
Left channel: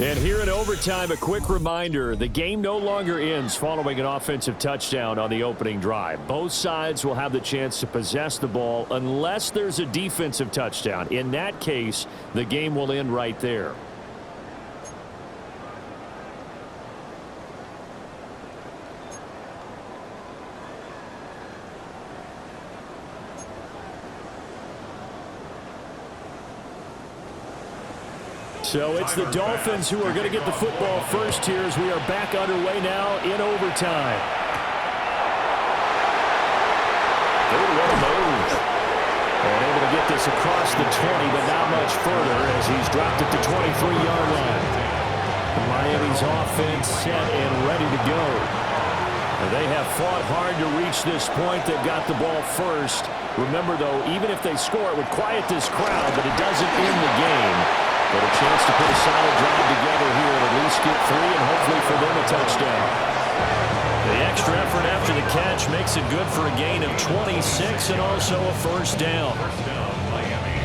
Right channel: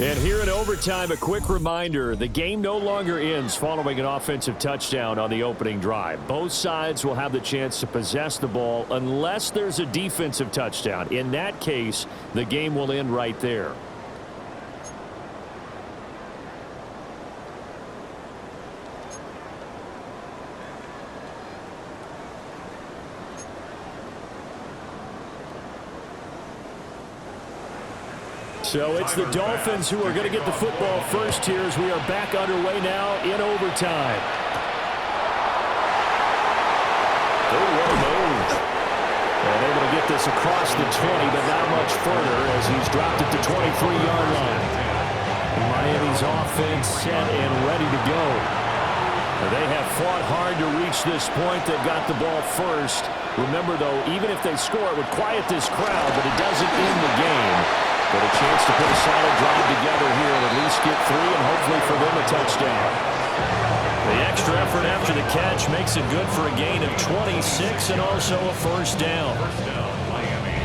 And here in overtime, a quick reminder, the game no longer ends following an offensive touchdown on the opening drive. Both sides will have the chance to possess the ball unless there's a defensive touchdown. In that case, the game will end right there. So it's the Dolphins who are going to get the football first here as we are back underway now in overtime. Oh, what a move. And able to get this across the 20, but not much further as he's dropped it to 23-yard line. Miami's offense set and ready to go. They have fought hard to reach this point. They've got the ball first. Remember, though, even if they score, it would quiet this crowd, but it doesn't end the game. But a chance to put a solid drive together here and at least get 3 and hopefully for them a touchdown. The extra effort after the catch makes it good for a gain of 26 and also a first down. Miami.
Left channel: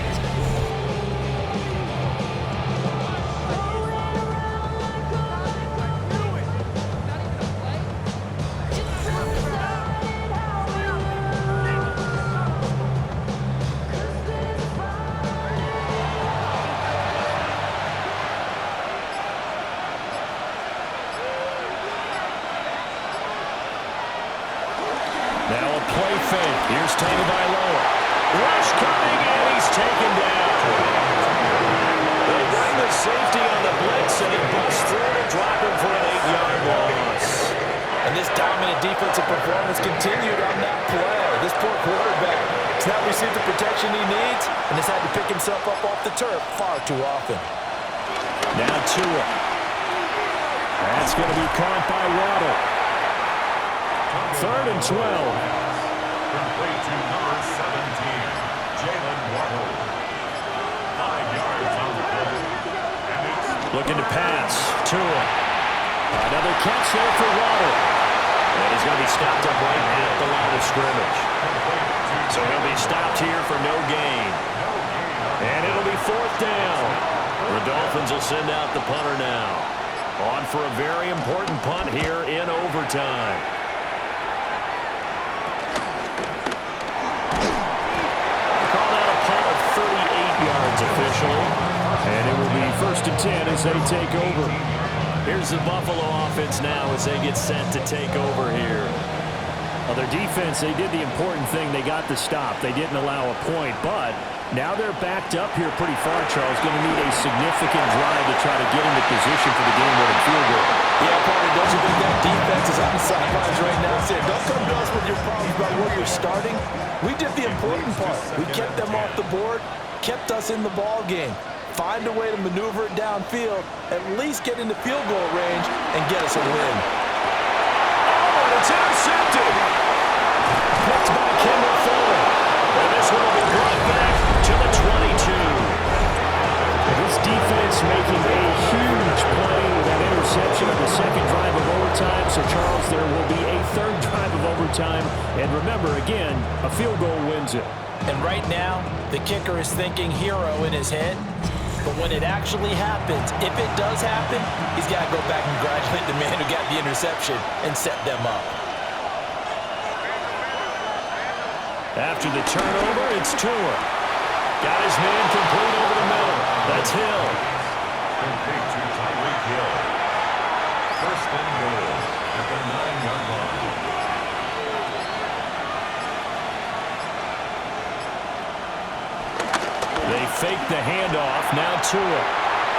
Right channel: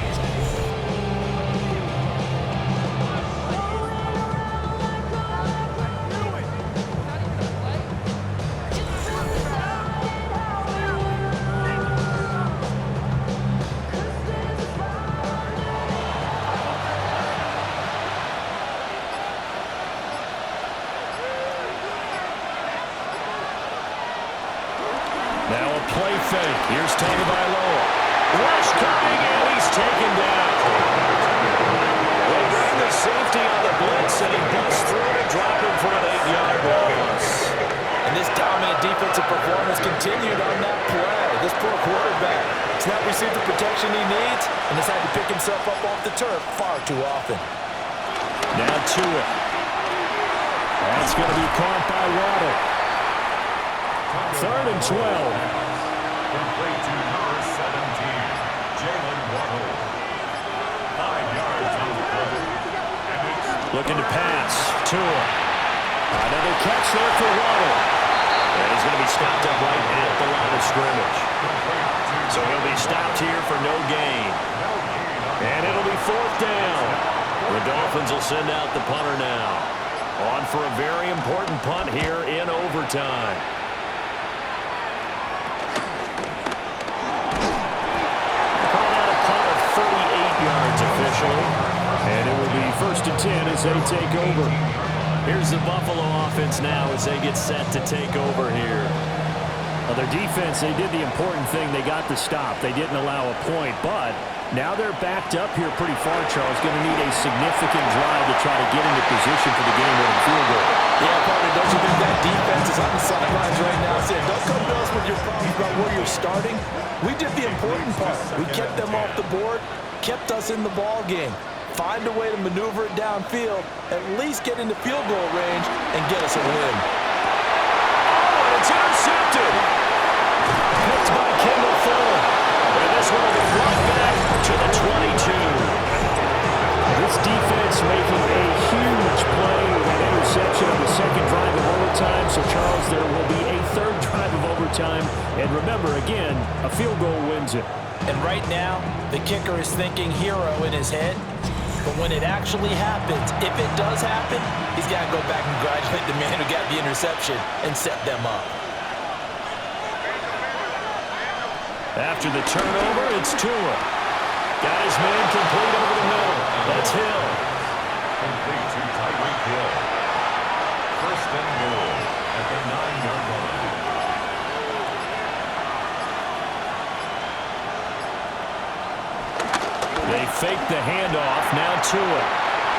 Now a play fake. Here's Tagovailoa. Rush coming, and he's taken down. They bring the safety on the blitz, and he busts through to drop him for an 8-yard loss. And this dominant defensive performance continued on that play. This poor quarterback has not received the protection he needs and has had to pick himself up off the turf far too often. Now Tua. That's going to be caught by Waddle. 3rd and 12. Complete to number 17, Jalen Waddle. 5 yards on the play. And it's looking to pass. Tua. Another catch there for Waddle. And he's going to be stopped up right at the line of scrimmage. So he'll be stopped here for no gain. And it'll be 4th down. The Dolphins will send out the punter now. On for a very important punt here in overtime. Called out a punt of 38 yards officially. And it will be 1st and 10 as they take over. Here's the Buffalo offense now as they get set to take over here. Well, their defense, they did the important thing. They got the stop. They didn't allow a point, but now they're backed up here pretty far, Charles. Going to need a significant drive to try to get into position for the game-winning field goal. Yeah, partner, don't you think that defense is on the sidelines right now saying, don't come to us with your problems about where you're starting? We did the important part. We kept them off the board, kept us in the ball game. Find a way to maneuver it downfield, at least get into field goal range, and get us a win. Oh, and it's intercepted. Picked by Kendall Fuller. And this one will be brought back to the 22. This defense defense making a huge play with that interception on the second drive of overtime. So, Charles, there will be a third drive of overtime. And remember, again, a field goal wins it. And right now, the kicker is thinking hero in his head. But when it actually happens, if it does happen, he's got to go back and congratulate the man who got the interception and set them up. After the turnover, it's Tua. Got his man complete over the middle. That's Hill. Complete to Tyreek Hill. First and goal at the 9-yard line. They fake the handoff. Now Tua.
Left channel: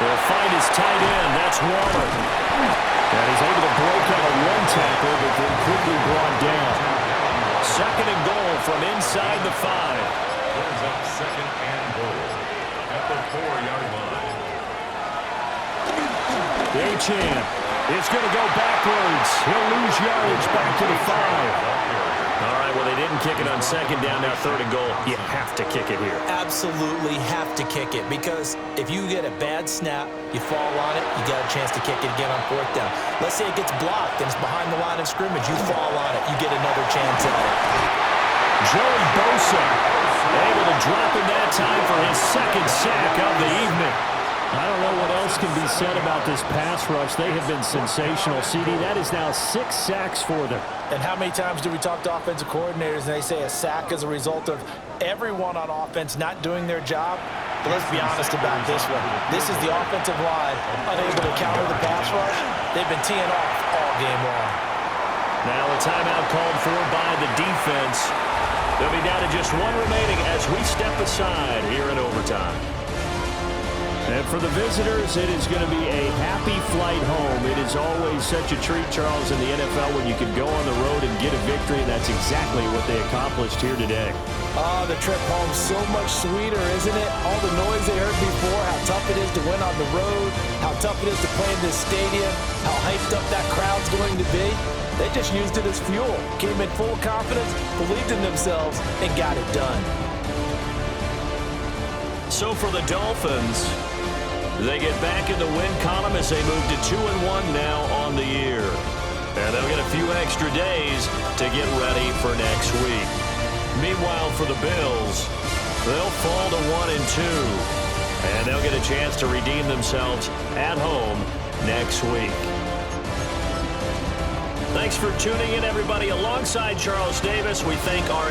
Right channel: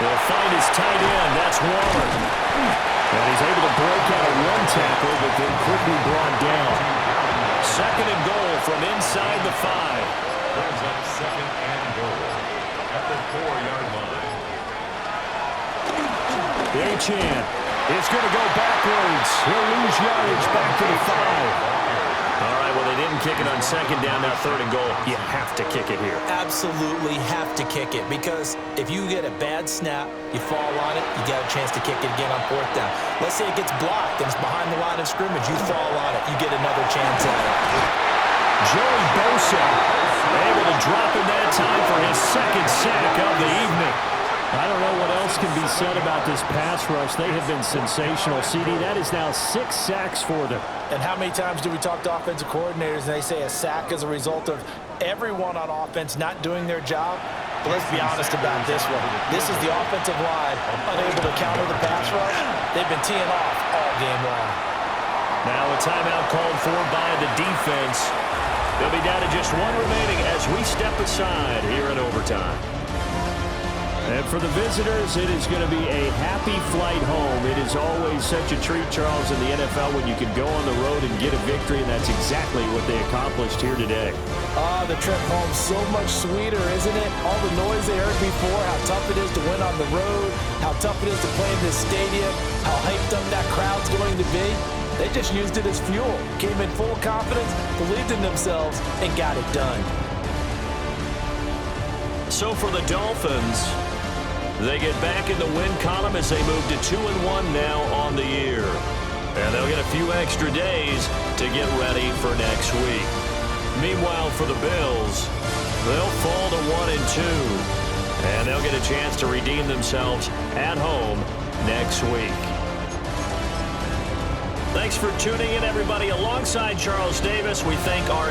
They'll find his tight end. That's Waller. And he's able to break out of one tackle, but then quickly brought down. Second and goal from inside the 5. Brings up second and goal at the 4-yard line. Achane is going to go backwards. He'll lose yardage back to the 5. All right, well, they didn't kick it on second down. Now third and goal. You have to kick it here. Absolutely have to kick it, because if you get a bad snap, you fall on it, you got a chance to kick it again on fourth down. Let's say it gets blocked and it's behind the line of scrimmage. You fall on it, you get another chance at it. Joey Bosa able to drop in that time for his second sack of the evening. I don't know what else can be said about this pass rush. They have been sensational. CD, that is now 6 sacks for them. And how many times do we talk to offensive coordinators and they say a sack is a result of everyone on offense not doing their job? But let's be honest about this one. This is the offensive line unable to counter the pass rush. They've been teeing off all game long. Now a timeout called for by the defense. They'll be down to just one remaining as we step aside here in overtime. And for the visitors, it is going to be a happy flight home. It is always such a treat, Charles, in the NFL when you can go on the road and get a victory, and that's exactly what they accomplished here today. The trip home so much sweeter, isn't it? All the noise they heard before, how tough it is to win on the road, how tough it is to play in this stadium, how hyped up that crowd's going to be. They just used it as fuel, came in full confidence, believed in themselves, and got it done. So for the Dolphins, they get back in the win column as they move to 2-1 now on the year. And they'll get a few extra days to get ready for next week. Meanwhile, for the Bills, they'll fall to 1-2. And they'll get a chance to redeem themselves at home next week. Thanks for tuning in, everybody. Alongside Charles Davis, we thank our